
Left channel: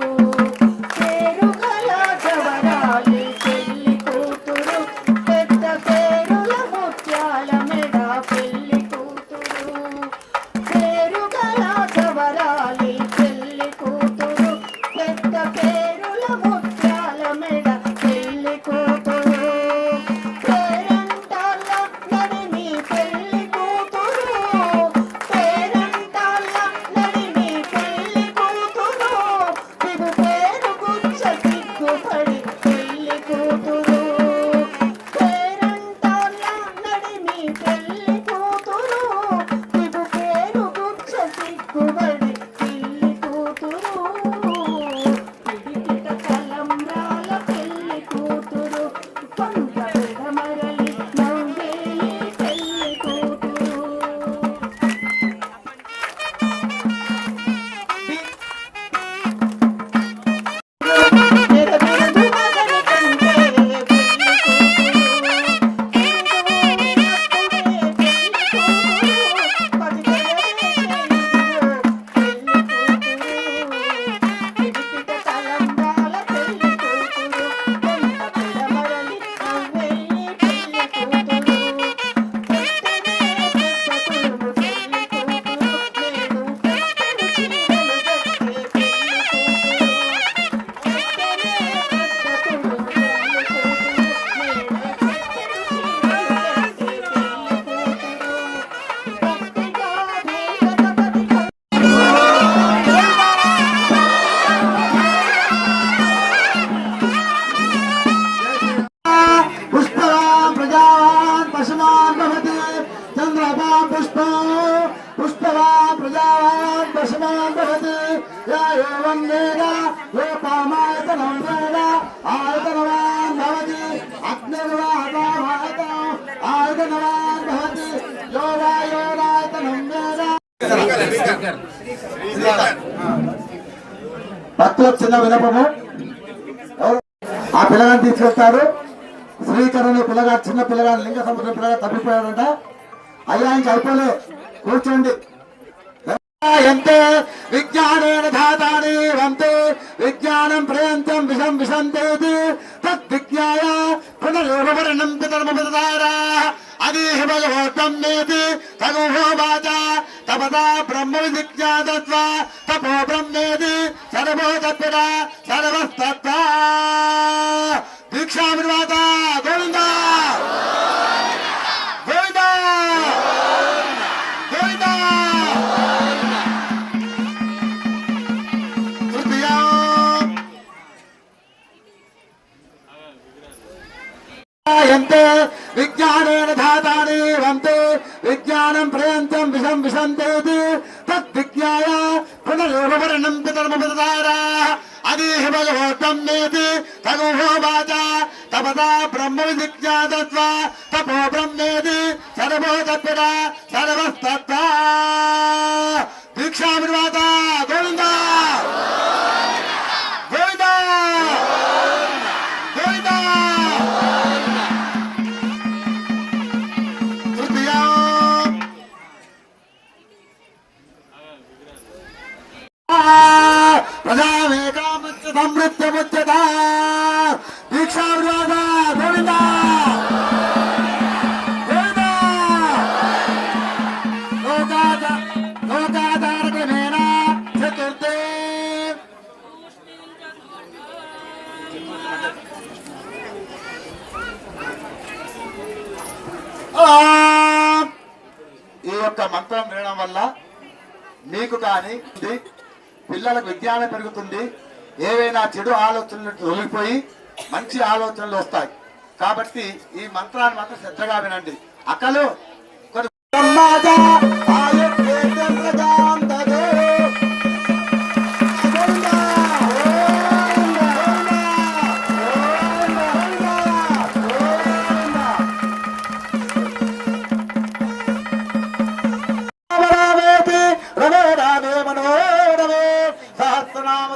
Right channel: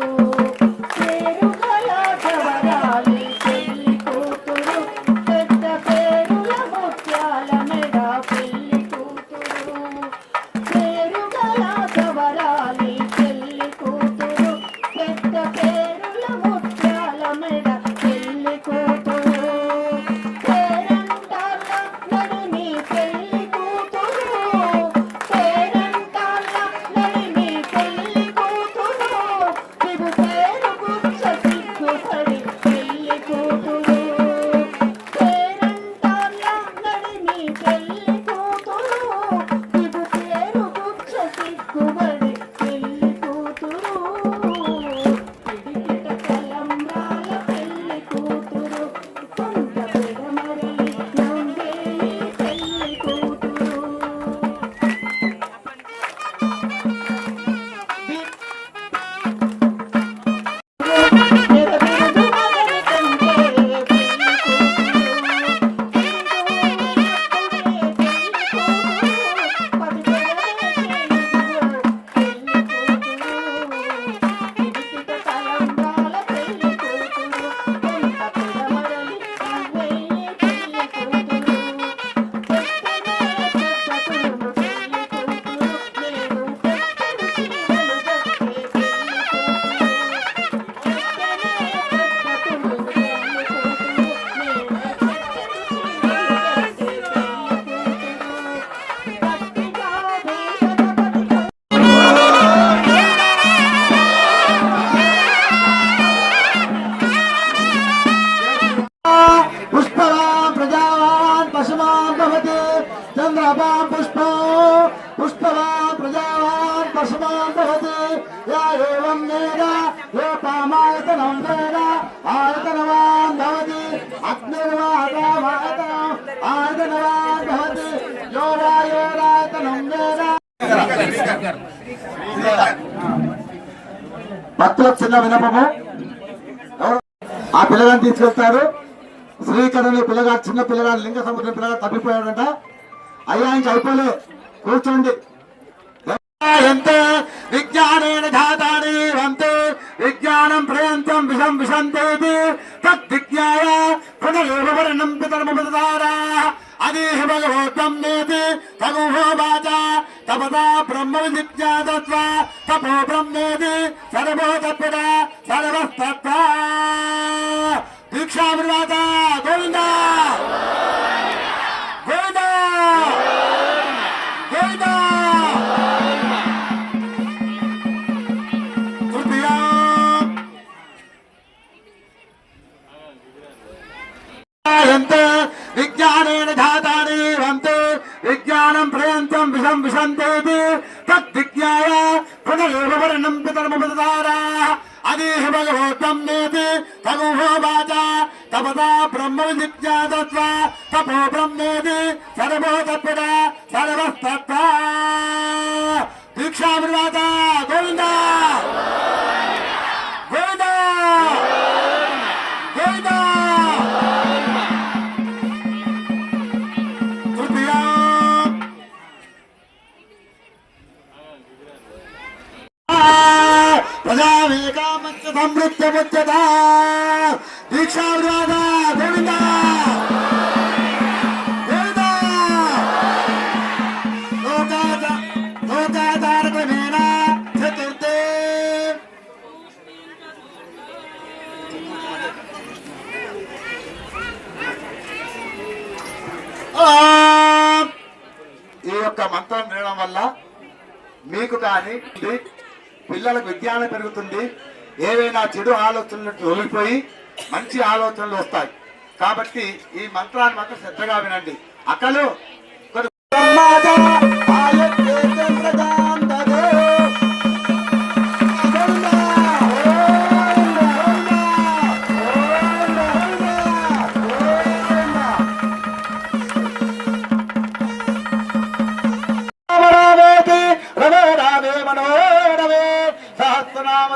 పేరు గల చవరాలి పెళ్లి కూతురు పెద్ద పేరుల ముత్యాల మెడ పెళ్లి కూతురు పేరు గల చవరాలి పెళ్లి కూతురు పెద్ద పేరుల ముత్యాల మెడ పెళ్లి కూతురు పేరంటాల నడిమి పెళ్లి కూతురు పేరంటాల నడిమి పెళ్లి కూతురు పిగు పేరు గుచ్చ సిగ్గుపడి పెళ్లి కూతురు పేరంటాల నడిమి పెళ్లి కూతురు పిగు పేరు గుచ్చ సిగ్గుపడి పెళ్లి కూతురు పిడికిట తలంబ్రాల పెళ్లి కూతురు కొంత పెడమరలి నవ్వే ఈ పెళ్లి కూతురు మెరమెరదు మదని కంటే పెళ్లి కూతురు పది పిడికిట తలంబ్రాల పెళ్లి కూతురు కొంత పెడమరలి నవ్వే ఈ పెళ్లి కూతురు పెద్దనే పెద్దతులు పెళ్లి కూతురు నేను పెద్దని చీరలు కట్టే పెళ్లి కూతురు పెద్దనే పెద్దతులు పెళ్లి కూతురు నేను పెద్దని చీరలు కట్టే పెళ్లి కూతురు గట్టిగా గణపతిగా पुष्पवान् प्रजावान् पशुमान् भवति चन्द्रवान् पुष्पवान् प्रजावान् पशुमान् भवति या एवं वेद योपामायतनं वेद आयतनवान् भवति आयतनवान् भवति यो वा योरायतनं वेद భక్తులకు చిన్న వినపము ఆ పిల్లగాన్ని తీసుకెళ్తారు శ్రీకరణి పిల్లగాడు చిన్న పిల్లగాడు లింగ సముద్రం పిల్లగాడు తప్పిపోయాడంట అయ్యా ఇంక అయిపోలే కూర్చోండి ఎంతే విజ్ఞానేన ధాతాని వంతే విజ్ఞానం ప్రయంతం విషం విశంతేతి తద్విజ్ఞాయ పునరేవ వర్ణం పితర్మపదారా అదేహ భగవోత్వం నేతి తగోవాచ తపదా బ్రహ్మ విజిజ్ఞాతత్వా తపో బ్రహ్మేతి సర్వోతత్పద సర్వస్తత్వ దీక్షామిర్వాత గోవింద గోవింద గోవింద తృతీయ ఎంతే విజ్ఞానేన ధాతాని వంతే విజ్ఞానం ప్రయంతం విషం విశంతేతి తద్విజ్ఞాయ పునరేవ వర్ణం పితర్మపదారా అదేహ భగవోత్వం నేతి తగోవాచ తపదా బ్రహ్మ విజిజ్ఞాతత్వా తపో బ్రహ్మేతి సర్వోతత్పద సర్వస్తత్వ దీక్షామిర్వాత గోవింద గోవింద గోవింద తృతీయ ప్రజావేకామచ్చ సమృద్ధముచ్యత దీక్షావిర్వాత గోవింద గోవింద లోకాధారకమేన చతుర్థే ఈ యొక్క మంత్రం వినడం వల్ల మీకు కానీ పిల్లలకు విజ్ఞానం పెరుగుతుంది, ఏవైనా చెడు ఆలోచనలు తొలగిపోయి మంచి ఆలోచనలు వస్తాయి. కాబట్టి ఈ మంత్రాన్ని మాత్రం శ్రద్ధగా వినండి. అక్కలు సహస్రనామ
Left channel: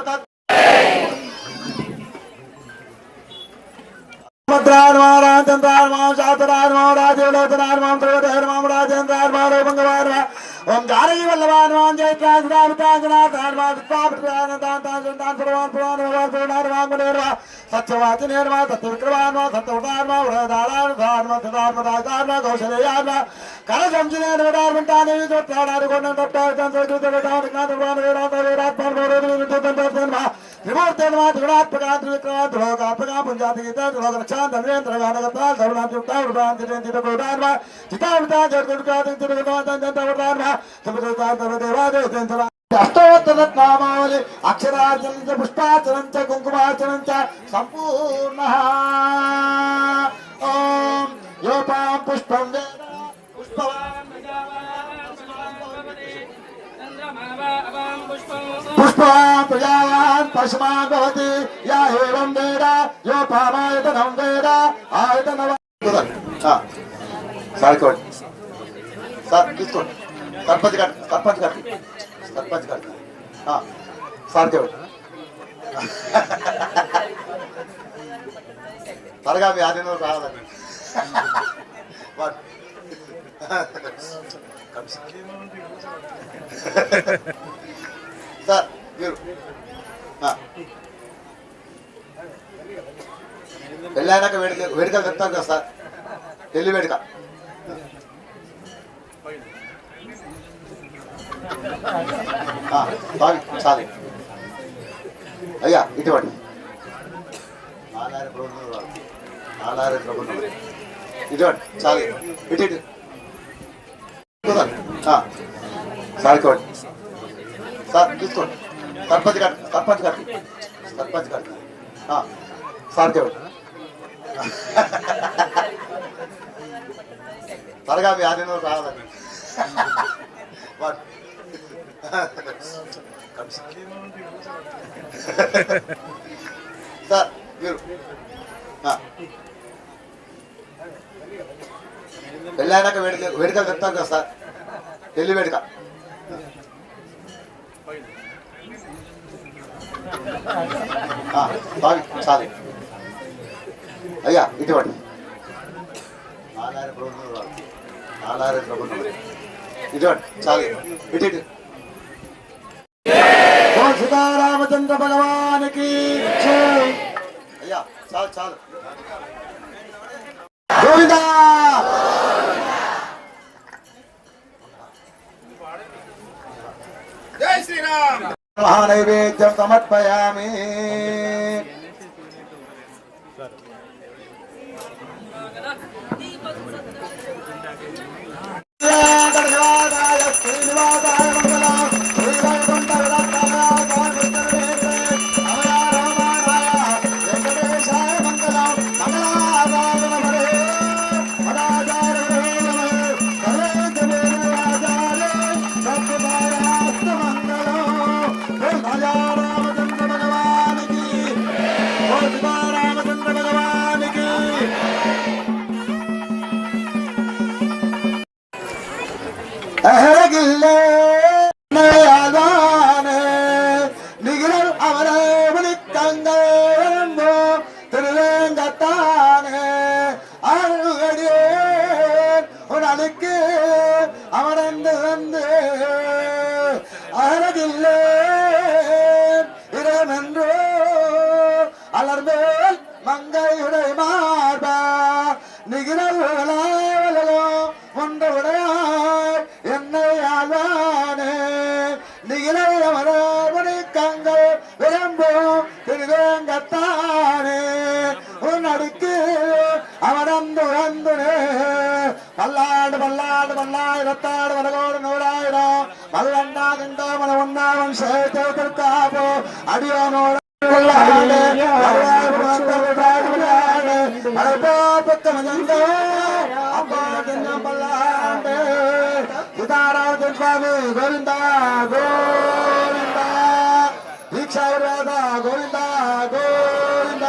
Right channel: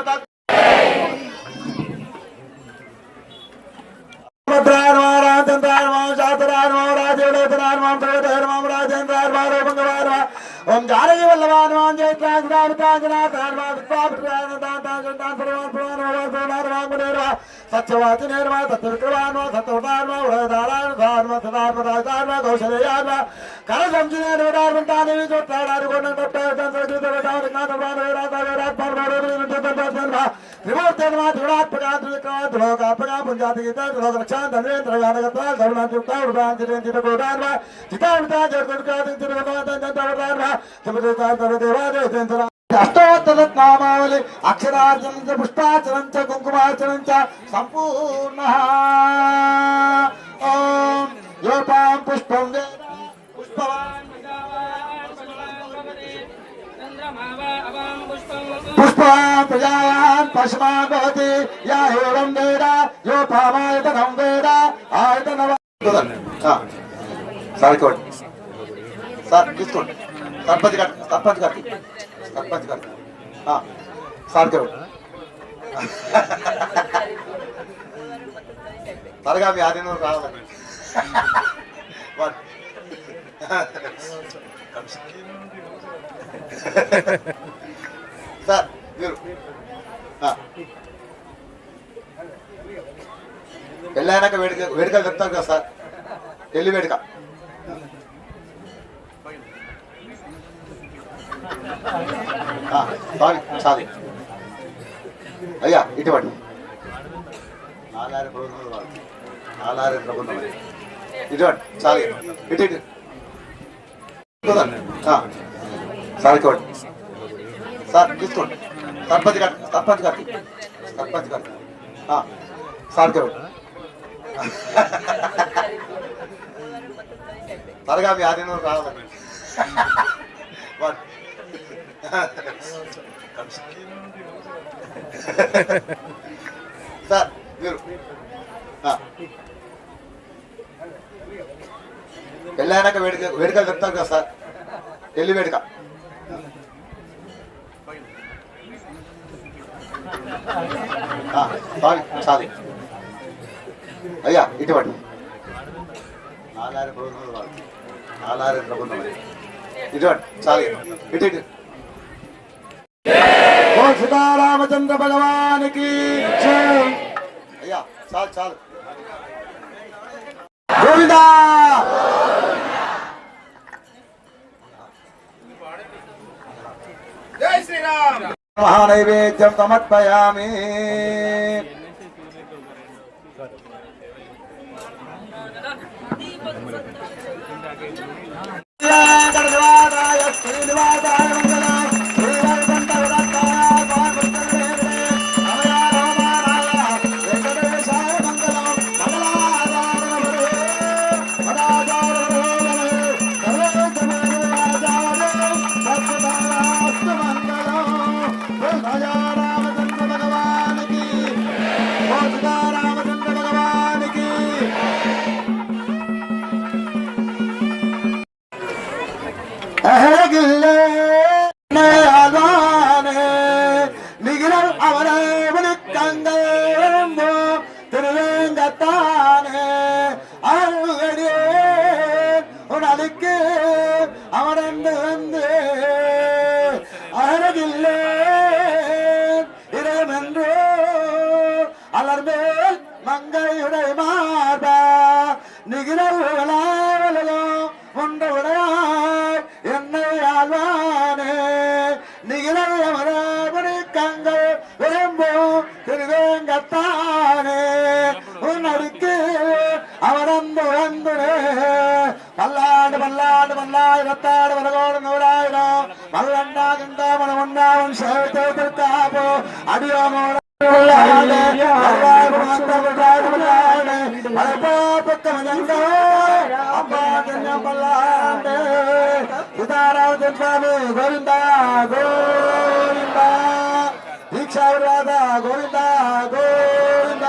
ఓం జానకి వల్లభాన్ సత్యవాచి నిర్మా సత్యవిక్రమాన్ సత్యవతాన్మా ఉదయదారాన్మ సదాత్మదాచార్మ కౌశలయాన్మ కర సంచి నిర్మదార్మంతాన్ని చుట్టాడారు కొండ విమూర్తన్మా త్రిగుణాత్మక త్రివిక్రమ త్రిలోకాత్మక పుంజాతి గీత త్రిలోక రక్షా ధన్వేంద్ర గానగత సర్వనాంతియుక్త ఉద్భాంతిరేంద్ర చితావిత జగద్గురుకాది తిరుగుతాన్మ అష్టోత్తరనామావళి అక్షరార్చనం చ పుష్పార్చనం చ కుంకుమార్చనం చ సంపూర్ణ ఓం యోపాం పుష్పం వేద పుష్పవాన్ పుష్పవాన్ ప్రజావాన్ పశుమాన్ భవతి యా ఏవం వేద యోపామాయతనం వేద ఆయతనవ సార్ తీసుకోండి సర్పంచ్ గారికి సార్ త్వరగా మీ ఆధీనం రావాలి సార్ మీరు పెళ్ళైనాక వేడుకలు చెప్తారు కదా సార్ పెళ్లి వేడుక చాలు అయ్యా ఇటువంటి నాలారి ప్రభుత్వం ఇటువంటి చాలు ఇటు సార్ ఇటువంటి సార్ తీసుకోండి సర్పంచ్ గారికి సార్ ఇవ్వండి త్వరగా మీ ఆధీనం రావాలి సార్ మీరు పెళ్ళైనాక వేడుకలు చెప్తారు కదా సార్ పెళ్లి వేడుక చాలు అయ్యా ఇటువంటి నాలారి ప్రభుత్వం ఇటువంటి చాలు ఇటు ఓ సీతారామచంద్ర భగవానికి అయ్యా చాలు గోవిందా జై శ్రీరామ్ మహానైవేద్యం సమర్పయామి శ్రీనివాసాయ మంగళం శ్రీవైకుంఠ వెంకటేశాయ మంగళం రామచంద్ర భగవానికి రామచంద్ర భగవానికి அழகில்லே நிகழ் அவரவனு கங்கோ திருவேங்கத்தானே அருகடியே உனக்கு அவரந்து வந்து அழகில்லே இறைவென்றோ அலர்மேல் மங்கையுடை மார்பா நிகழ் ஒன்று உடையாய் என்னை ஆழ்வானே நிகழவரவனு கங்கள் விரும்பும் திருவேங்கத்தானே உன் அடுக்கு அவனந்து வந்துனே பல்லாண்டு பல்லாயிரத்தாடு வலகோடு நூறாயிரம் பல்லண்டா திண்டா மன ஒன்றாவன் சேர்த்தோ அடியோமோட స్వామి గోవింద గోవింద దీక్షావరాధ గోవింద గోవింద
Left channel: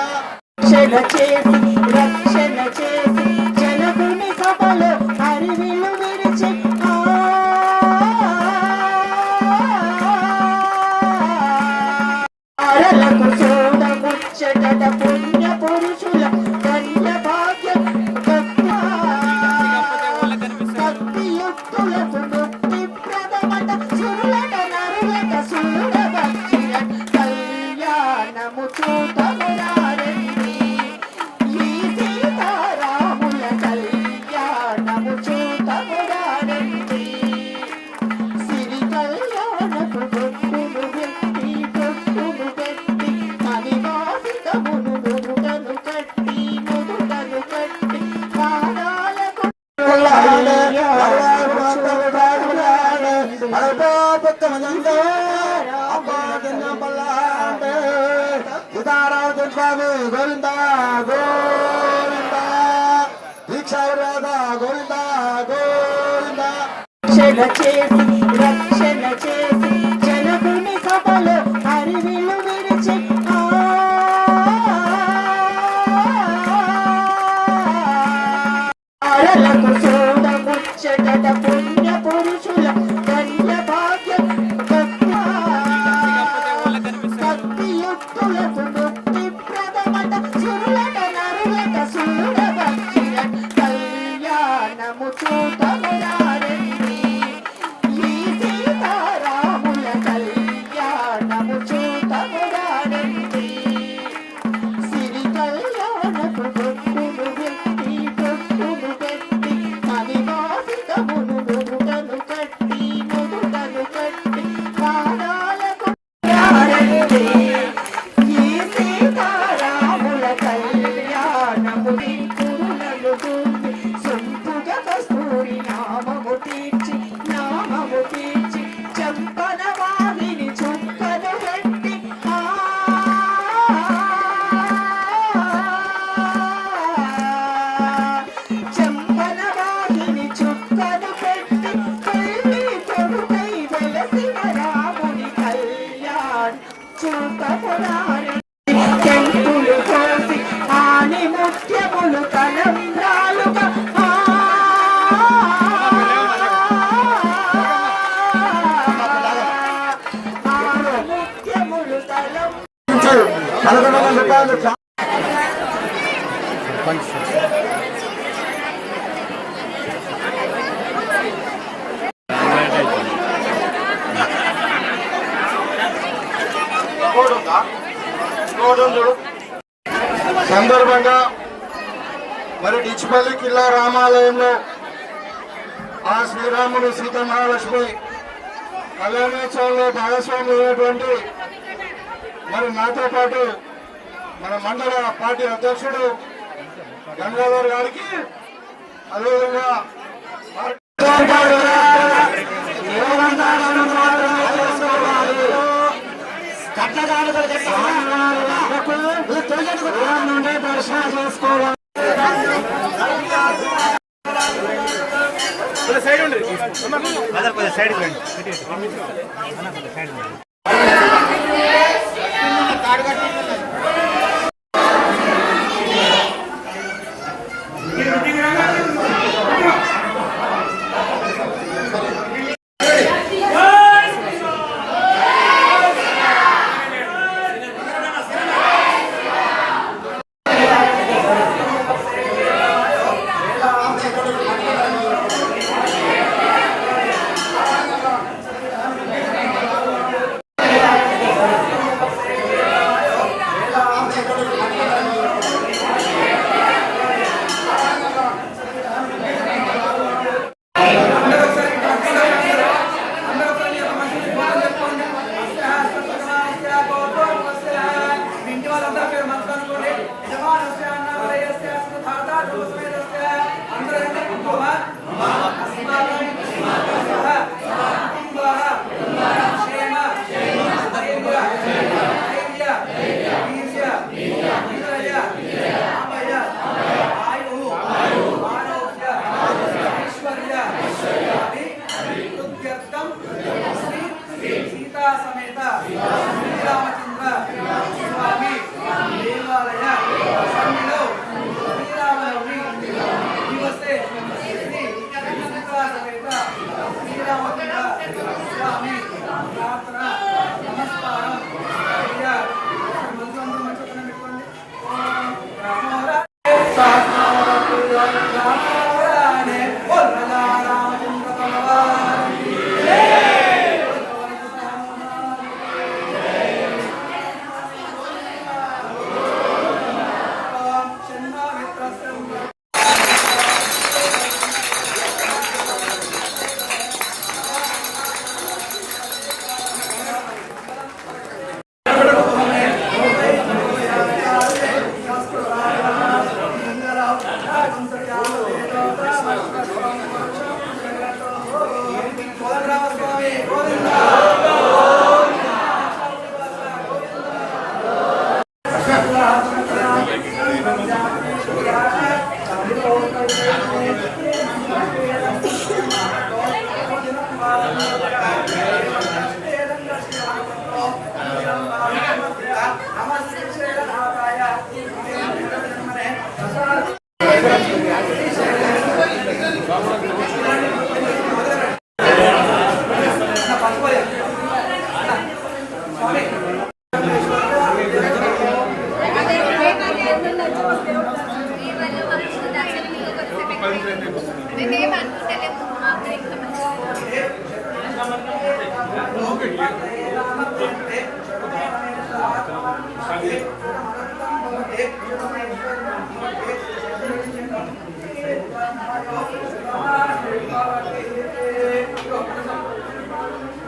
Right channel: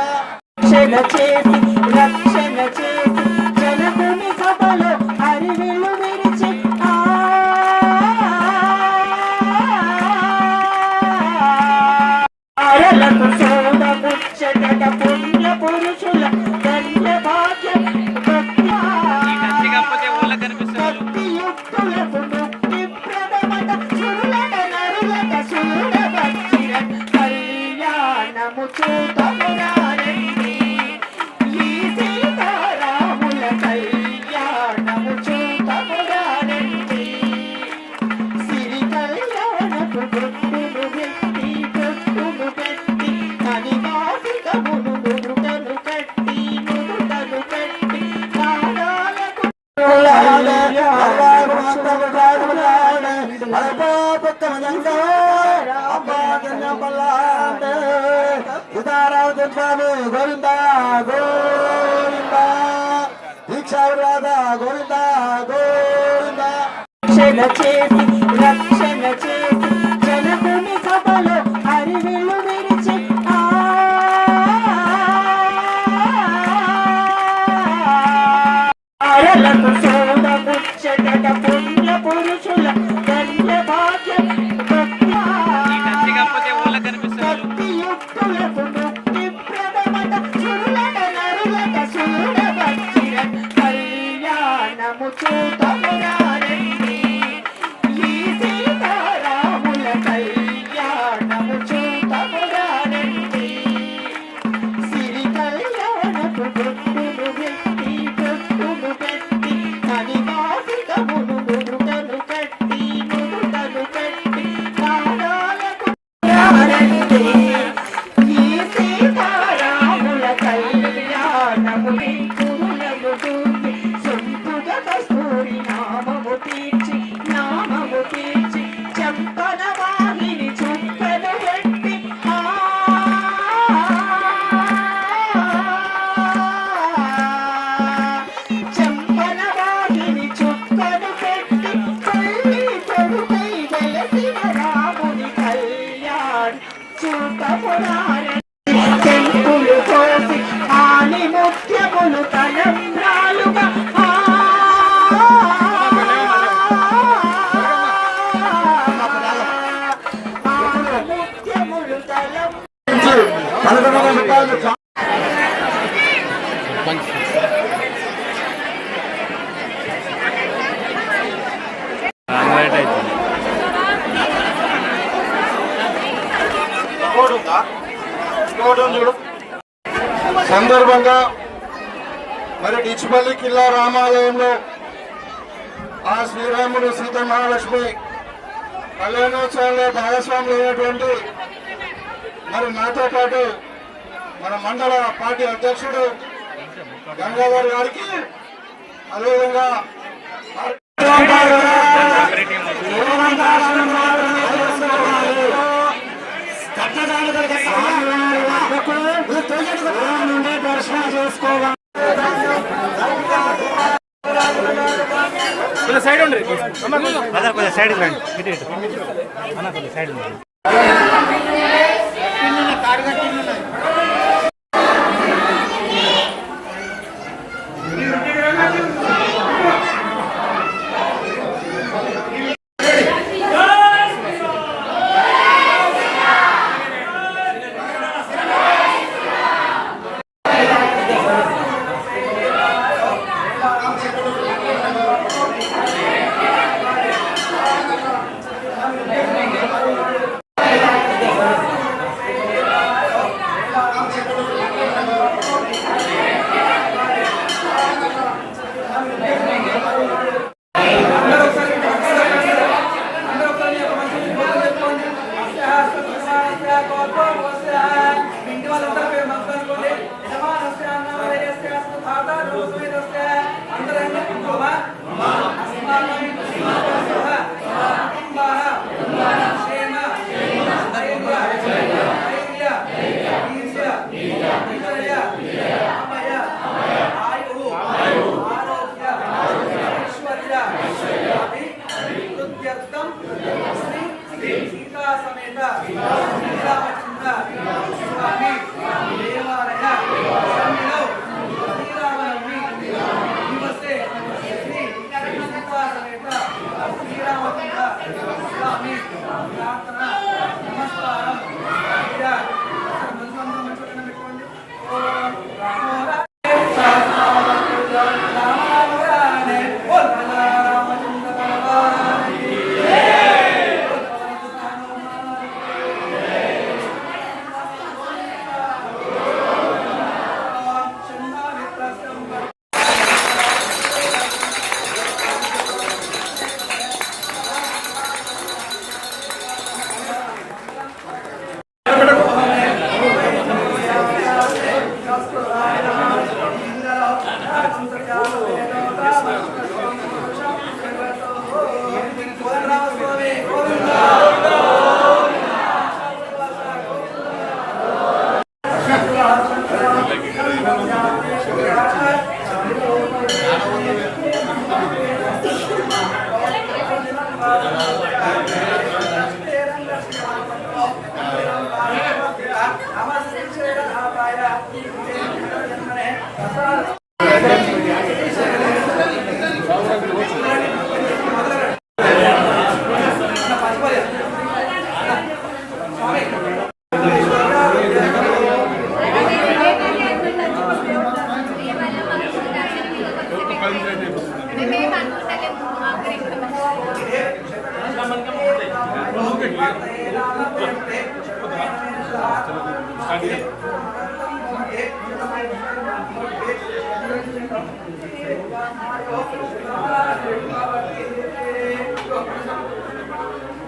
రక్షణ చేసి జనకుని సభలో హరివిల్లు విరిచి ఆరలకు చూడముచ్చట పుణ్య పురుషుల ధన్య భాగ్యం భక్తియుక్తులకు ముక్తి ప్రదమత సురులత నరులత సూరభక్షిర కళ్యాణము చూపమురారండి ఈ సీతారాముల కళ్యాణము చూపమురారండి సిరి కళ్యాణపు బొట్టును పెట్టి మణివాసికమును నుదుటను కట్టి పాదాలకు స్వామి గోవింద గోవింద దీక్షారాధ గోవింద గోవింద రక్షణ చేసి జనకుని సభలో హరివిల్లు విరిచి ఆయలకు సోదముచ్చట పుణ్య పురుషుల దండ భాగ్యం కాకపోతే ఊళ్ళకి కనిపిస్తారు భక్తియుక్తులకు ముక్తి ప్రదమత సురులత నరులత సూరభక్షిర కళ్యాణము చూపమురారండి ఈ సీతారాముల కళ్యాణము చూపమురారండి సిరి కళ్యాణపు బొట్టును పెట్టి మణివాసికమును నుదుటను కట్టి పాదాలకు రారండి ఈ సీతారాముల కళ్యాణము కురులను చూసి సొంపుగ కస్తూరి నామము తీర్చి చంపన వారిని చుక్కను పెట్టి చంపన వారిని చుక్కను పెట్టి తల్లి కొడుకై వెలసిన రాముని కళ్యాణ్ చూపమురారండి చెంపులు కోసి ఆని ముత్యములు తలంబ్రాలుగా ముత్యములు సందర్భంగా మరి డిచ్పల్లి కిల్లా రామాలయంలో ఆ శ్రీరాముడు సీత మహాలక్ష్మి కళ్యాణోత్సవంలో భాగస్వామి అయినటువంటి మరి నాతో పాటు మన మండల పార్టీ అధ్యక్షుడు గంగాధర్ గారికి అదేవిధంగా దర్శనం చేసుకోవాలి. సైడ్ ఉండి సైడ్ సైడ్ ఇంటి వాళ్ళందరూ పేరు మనసు అనుకోండి యజమానస్య అన్నవరయస్య సుధాతా ధ్రువస్మేతస్య అందరూ కుంకుమ అస్మాకం కుటుంబః క్షేమ ధైర్య వీర్య విజయ అమయ ఆయుః ఆరోగ్య ఐశ్వర్య అభివృద్ధ్యర్థం శ్రీ సీతా సమేత శ్రీరామచంద్ర స్వామి దేవాలయ సన్నిధిలో శ్రీరామనవమి దివసే శ్రీ సీతా సమేత శ్రీరామచంద్ర స్వామి ప్రార్థన నమస్కారం మంత్రం మంచుకన పెట్టుకోండి ఓం రామో రామ రామ రామ రామ రామ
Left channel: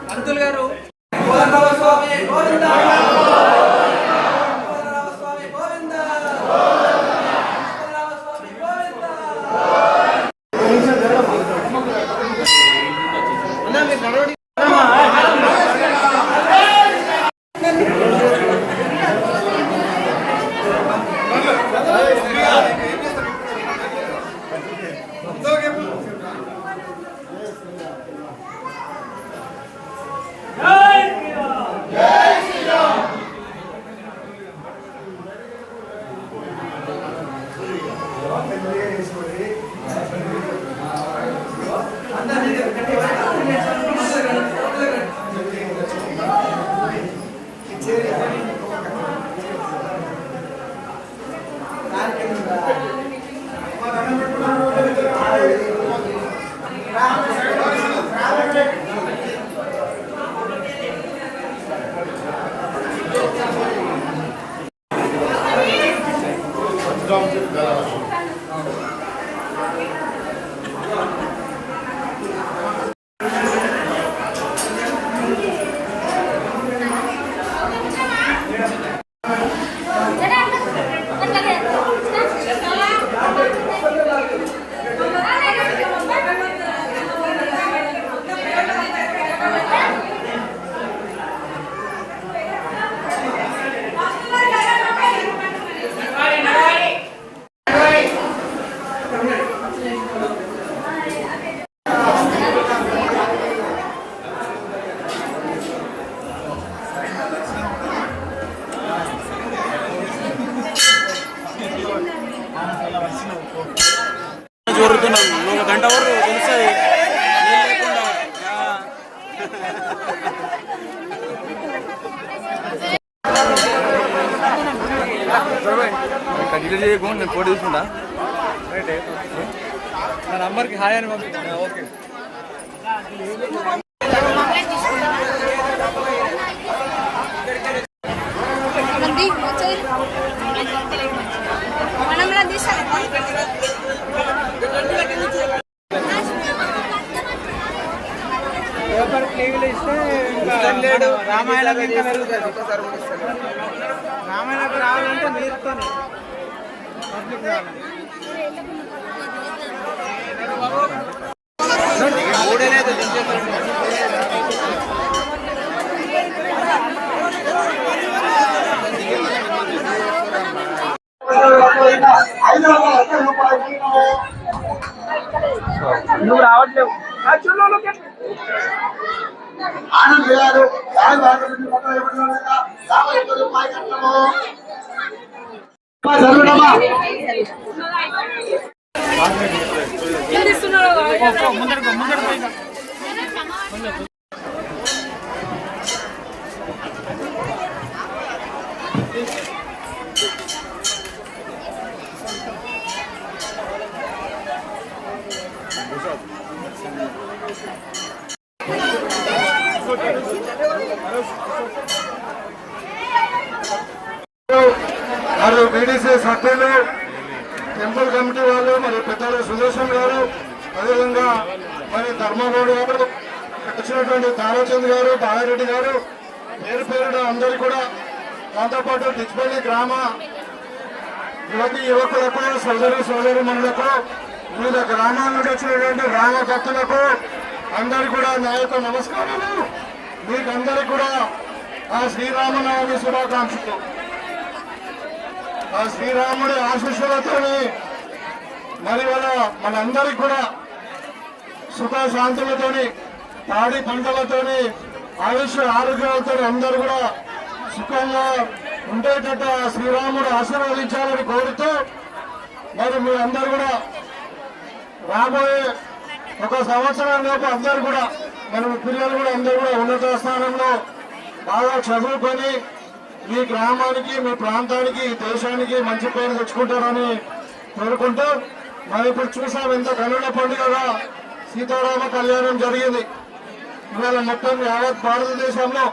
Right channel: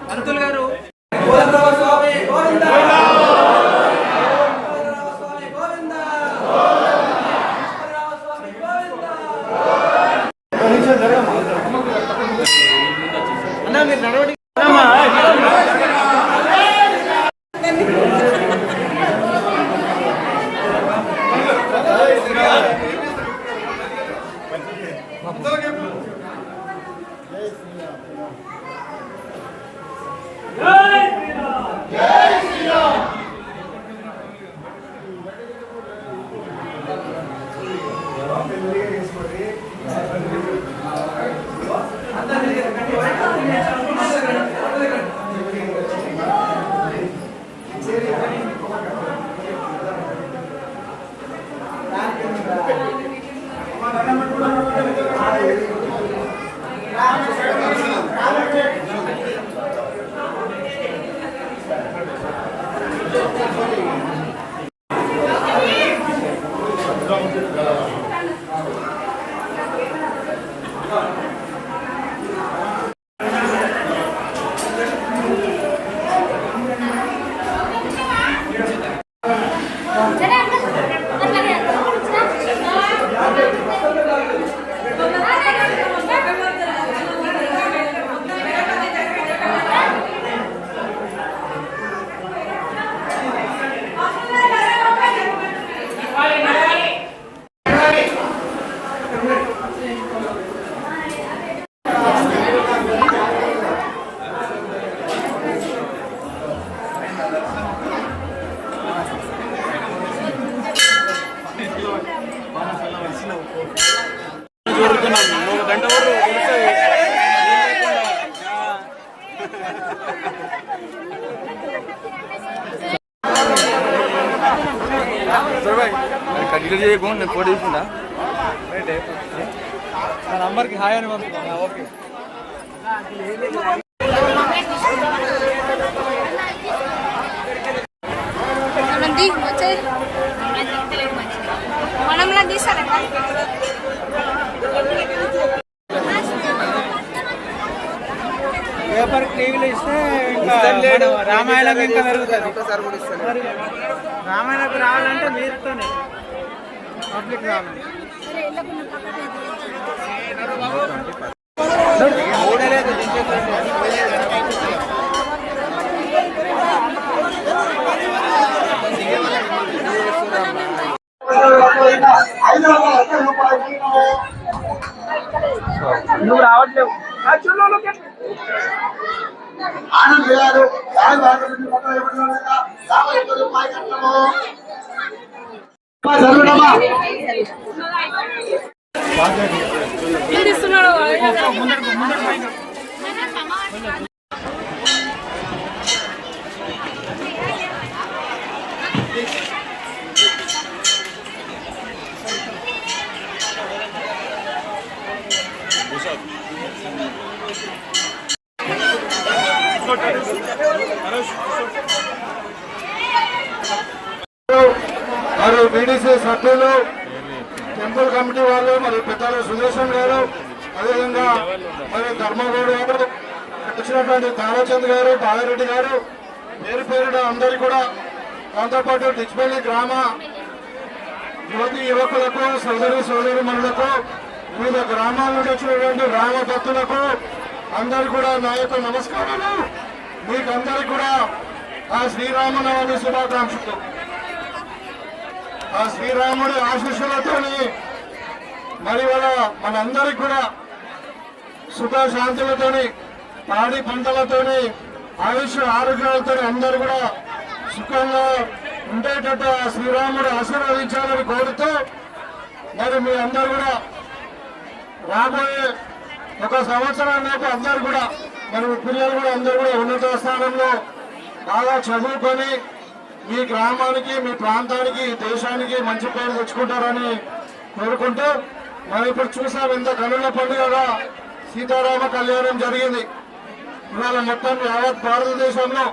పంతులు గారు కోదండరామ స్వామి గోవింద, కోదండరామ స్వామి గోవింద, కోదండరామ స్వామి గోవింద. అన్నా మీరు నడవడి నేను ఫోటో తీసుకుంటా నా నంబర్కి హాయ్ అని పంపిస్తాను. ఓకే పేపర్ ప్లేలు ఇస్తే ఇంకా లేడు రామాయణం ఇంకా మెరుగుతుంది. రామాయణం రావాలంటే నేర్పుతాను పబ్లిక్ నువ్వు రావట్లేవు ఆనంద్ గారు మరి బీడీసీ సభ్యులు, టెంపుల్ కమిటీ వాళ్ళు, మరి పెద్దలు సుదర్శన్ గారు, అదేవిధంగా మరి ధర్మగౌడ్ గారు, వచ్చినటువంటి తారాచంద్ గారు, బాలరెడ్డి గారు, పేరు పేరున అందరికీ కూడా, దాంతోపాటు డిచ్పల్లి గ్రామ యువతి యువకులకు, సోదరు సోదరుమణులకు, వివిధ గ్రామాల నుండి వచ్చినటువంటి గ్రామ భక్తులకు అందరికీ కూడా నా యొక్క నమస్కారాలు. మీకందరికీ కూడా ఆ శ్రీరామనవమి శుభాకాంక్షలు. ఆ శ్రీరాముడి ఆశీస్సులతోని మరి వాళ్ళ మనందరికి కూడా సుఖశాంతులతోని, పాడి పంటలతోని, ఆయుష్ ఆరోగ్యాలతో అందరూ కూడా సుఖంగా ఉండేటట్టు ఆ శ్రీరాముడు ఆశీర్వదించాలని కోరుతూ మరి మీ అందరు కూడా రాబోయే ఒక సంవత్సరం లోపు అందరు కూడా మరి మీ పిల్లలు కూడా అందరూ కూడా ఉన్నత స్థానంలో బాగా చదువుకొని మీ గ్రామానికి మీ ప్రాంతానికి ఈ దేశానికి మంచి పేరు తెచ్చుకుంటారని కోరుకుంటూ మనం ఇప్పుడు చూసాం ఇంత కనుల పండుగగా సీతారామ కళ్యాణం జరిగింది. ఇవాళ మొత్తం యావత్ భారతదేశంలో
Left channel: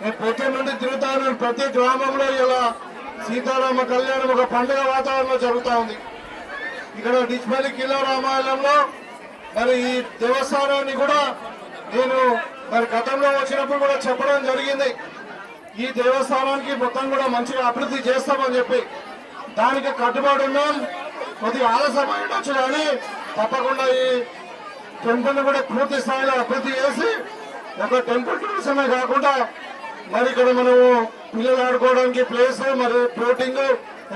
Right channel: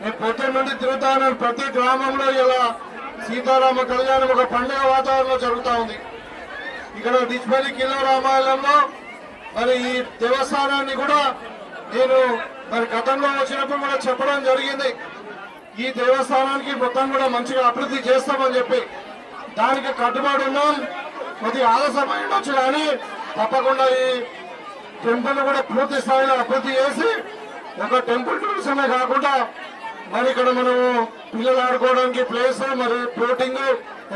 నేను పొద్దున్న నుండి తిరుగుతాను. ప్రతి గ్రామంలో ఇలా సీతారామ కళ్యాణం ఒక పండుగ వాతావరణంలో జరుగుతూ ఉంది. ఇక్కడ డిచ్పల్లి కిల్లా రామాయణంలో మరి ఈ దేవస్థానాన్ని కూడా నేను మరి గతంలో వచ్చినప్పుడు కూడా చెప్పడం జరిగింది. ఈ దేవస్థానానికి మొత్తం కూడా మంచిగా అభివృద్ధి చేస్తామని చెప్పి దానికి కట్టుబడి ఉన్నాం. కొద్దిగా ఆలస్యమైనచ్చు కానీ తప్పకుండా ఈ టెంపుల్ కూడా పూర్తి స్థాయిలో అభివృద్ధి చేసి ఒక టెంపుల్ టూరిజమే కాకుండా మరి ఇక్కడ మనము పిల్లలు ఆడుకోవడానికి ప్లేస్ మరి ఫ్లోటింగ్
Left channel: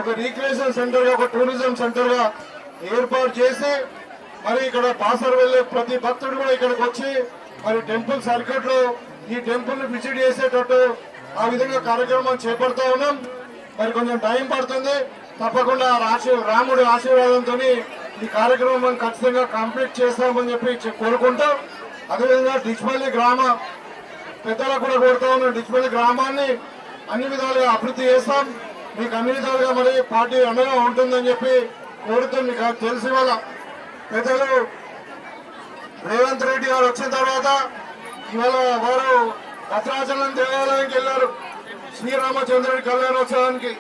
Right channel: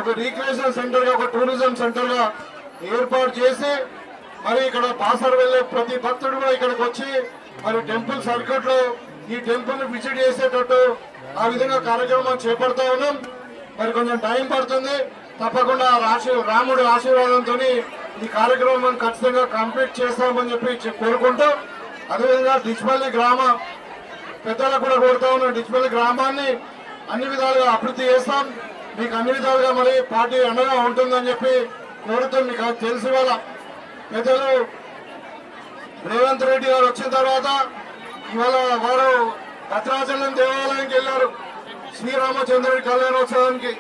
ఒక రీక్రియేషన్ సెంటర్ గా ఒక టూరిజం సెంటర్ గా ఏర్పాటు చేసి మరి ఇక్కడ బాసర్ వెళ్లే ప్రతి భక్తుడు కూడా ఇక్కడికి వచ్చి మరి టెంపుల్ సర్క్యూట్ లో ఈ టెంపుల్ ను విజిట్ చేసేటట్టు ఆ విధంగా కార్యక్రమం చేపడతా ఉన్నాం. మరి కొంచెం టైం పడుతుంది. తప్పకుండా రాముడి ఆశీర్వాదంతో ఈ కార్యక్రమం ఖచ్చితంగా కంప్లీట్ చేస్తామని చెప్పి కోరుకుంటూ అదేవిధంగా డిచ్పల్లి గ్రామ పెద్దలకు కూడా కోరుతా ఉన్నాం. డిచ్పల్లి గ్రామాన్ని అన్ని విధాలుగా అభివృద్ధి చేస్తాం. మీకు అన్ని విధాలుగా మరి పార్టీ అండగా ఉంటుందని చెప్పి కోరుతూ మీకు తెలిసి వాళ్ళ పెద్దలు రేవంత్ రెడ్డి గారు వచ్చిన తర్వాత ఇవాళ వారు భద్రాచలం దేవాలయానికి వెళ్లారు శ్రీరామచంద్రుడి కళ్యాణోత్సవానికి.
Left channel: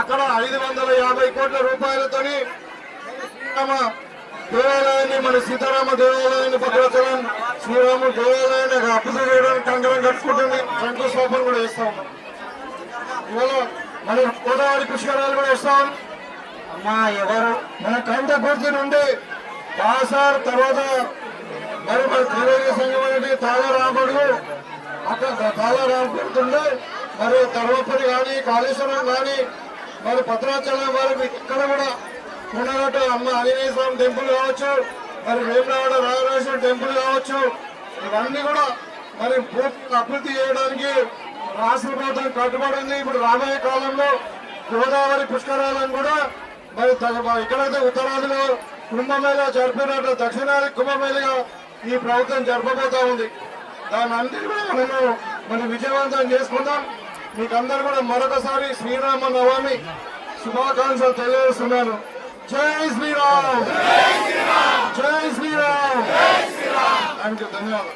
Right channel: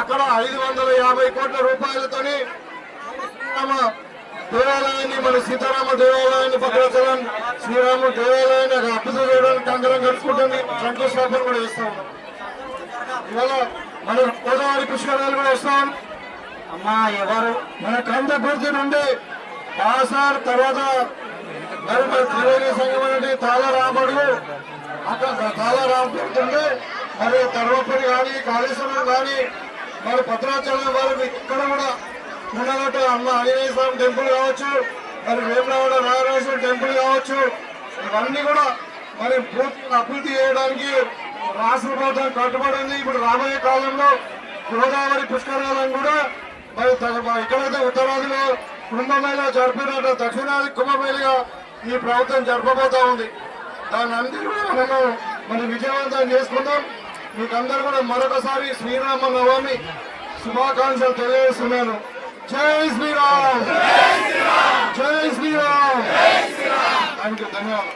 అక్కడ 550 కోట్ల రూపాయలతోని శ్రీరామ దేవాలయాన్ని మన సీతారామ దేవాలయాన్ని భద్రాచలం శ్రీరాముడు దేవాలయాన్ని అభివృద్ధి చేయడానికి కంకణం కట్టుకుంటుంది. శంకుస్థాపన కూడా చేస్తాం. ఇవాళ మన గోదావరి పుష్కరాలు కూడా వస్తాం. అమ్మా ఎవరు మన కందకుర్తి నుండి బాసార్ తర్వాత మరి మన త్రివేణి సంఘం తాళరాముడు అక్కడ తాళరాముడుతుండే మరి ధర్మపురి కానీ కాళేశ్వరం కానీ మరి భద్రాచలం వారు ఇక్కడ కూడా ఉన్నట్టు అమ్మ ఆంజనేయ స్వామి టెంపుల్ కావచ్చు, మరి వేమరాడ నాగరాజేశ్వర టెంపుల్ కావచ్చు, ఇవన్నీ కూడా మరి పూర్తిగా అభివృద్ధి చేయడానికి రాష్ట్ర ప్రభుత్వం కట్టుబడి ఉంది. ఇప్పుడు రాబోయే కాలంలో గోదావరి పుష్కరాలను కూడా మరి ఎక్కడైతే ఉత్తరాదిలో కుంభమేళ జరిపినట్టు దక్షిణాది కుంభమేళగా ఈ ప్రభుత్వం జరపబోతా ఉంది. దాన్ని అందరూ కూడా మనము మరి విజయవంతం చేసుకుందాం. మీకు అందరూ కూడా మరొకసారి శ్రీరామ నవమి శుభాకాంక్షలు తెలియజేస్తున్నాను. జై శ్రీరామ్, జై శ్రీరామ్. ధన్యవాదాలు.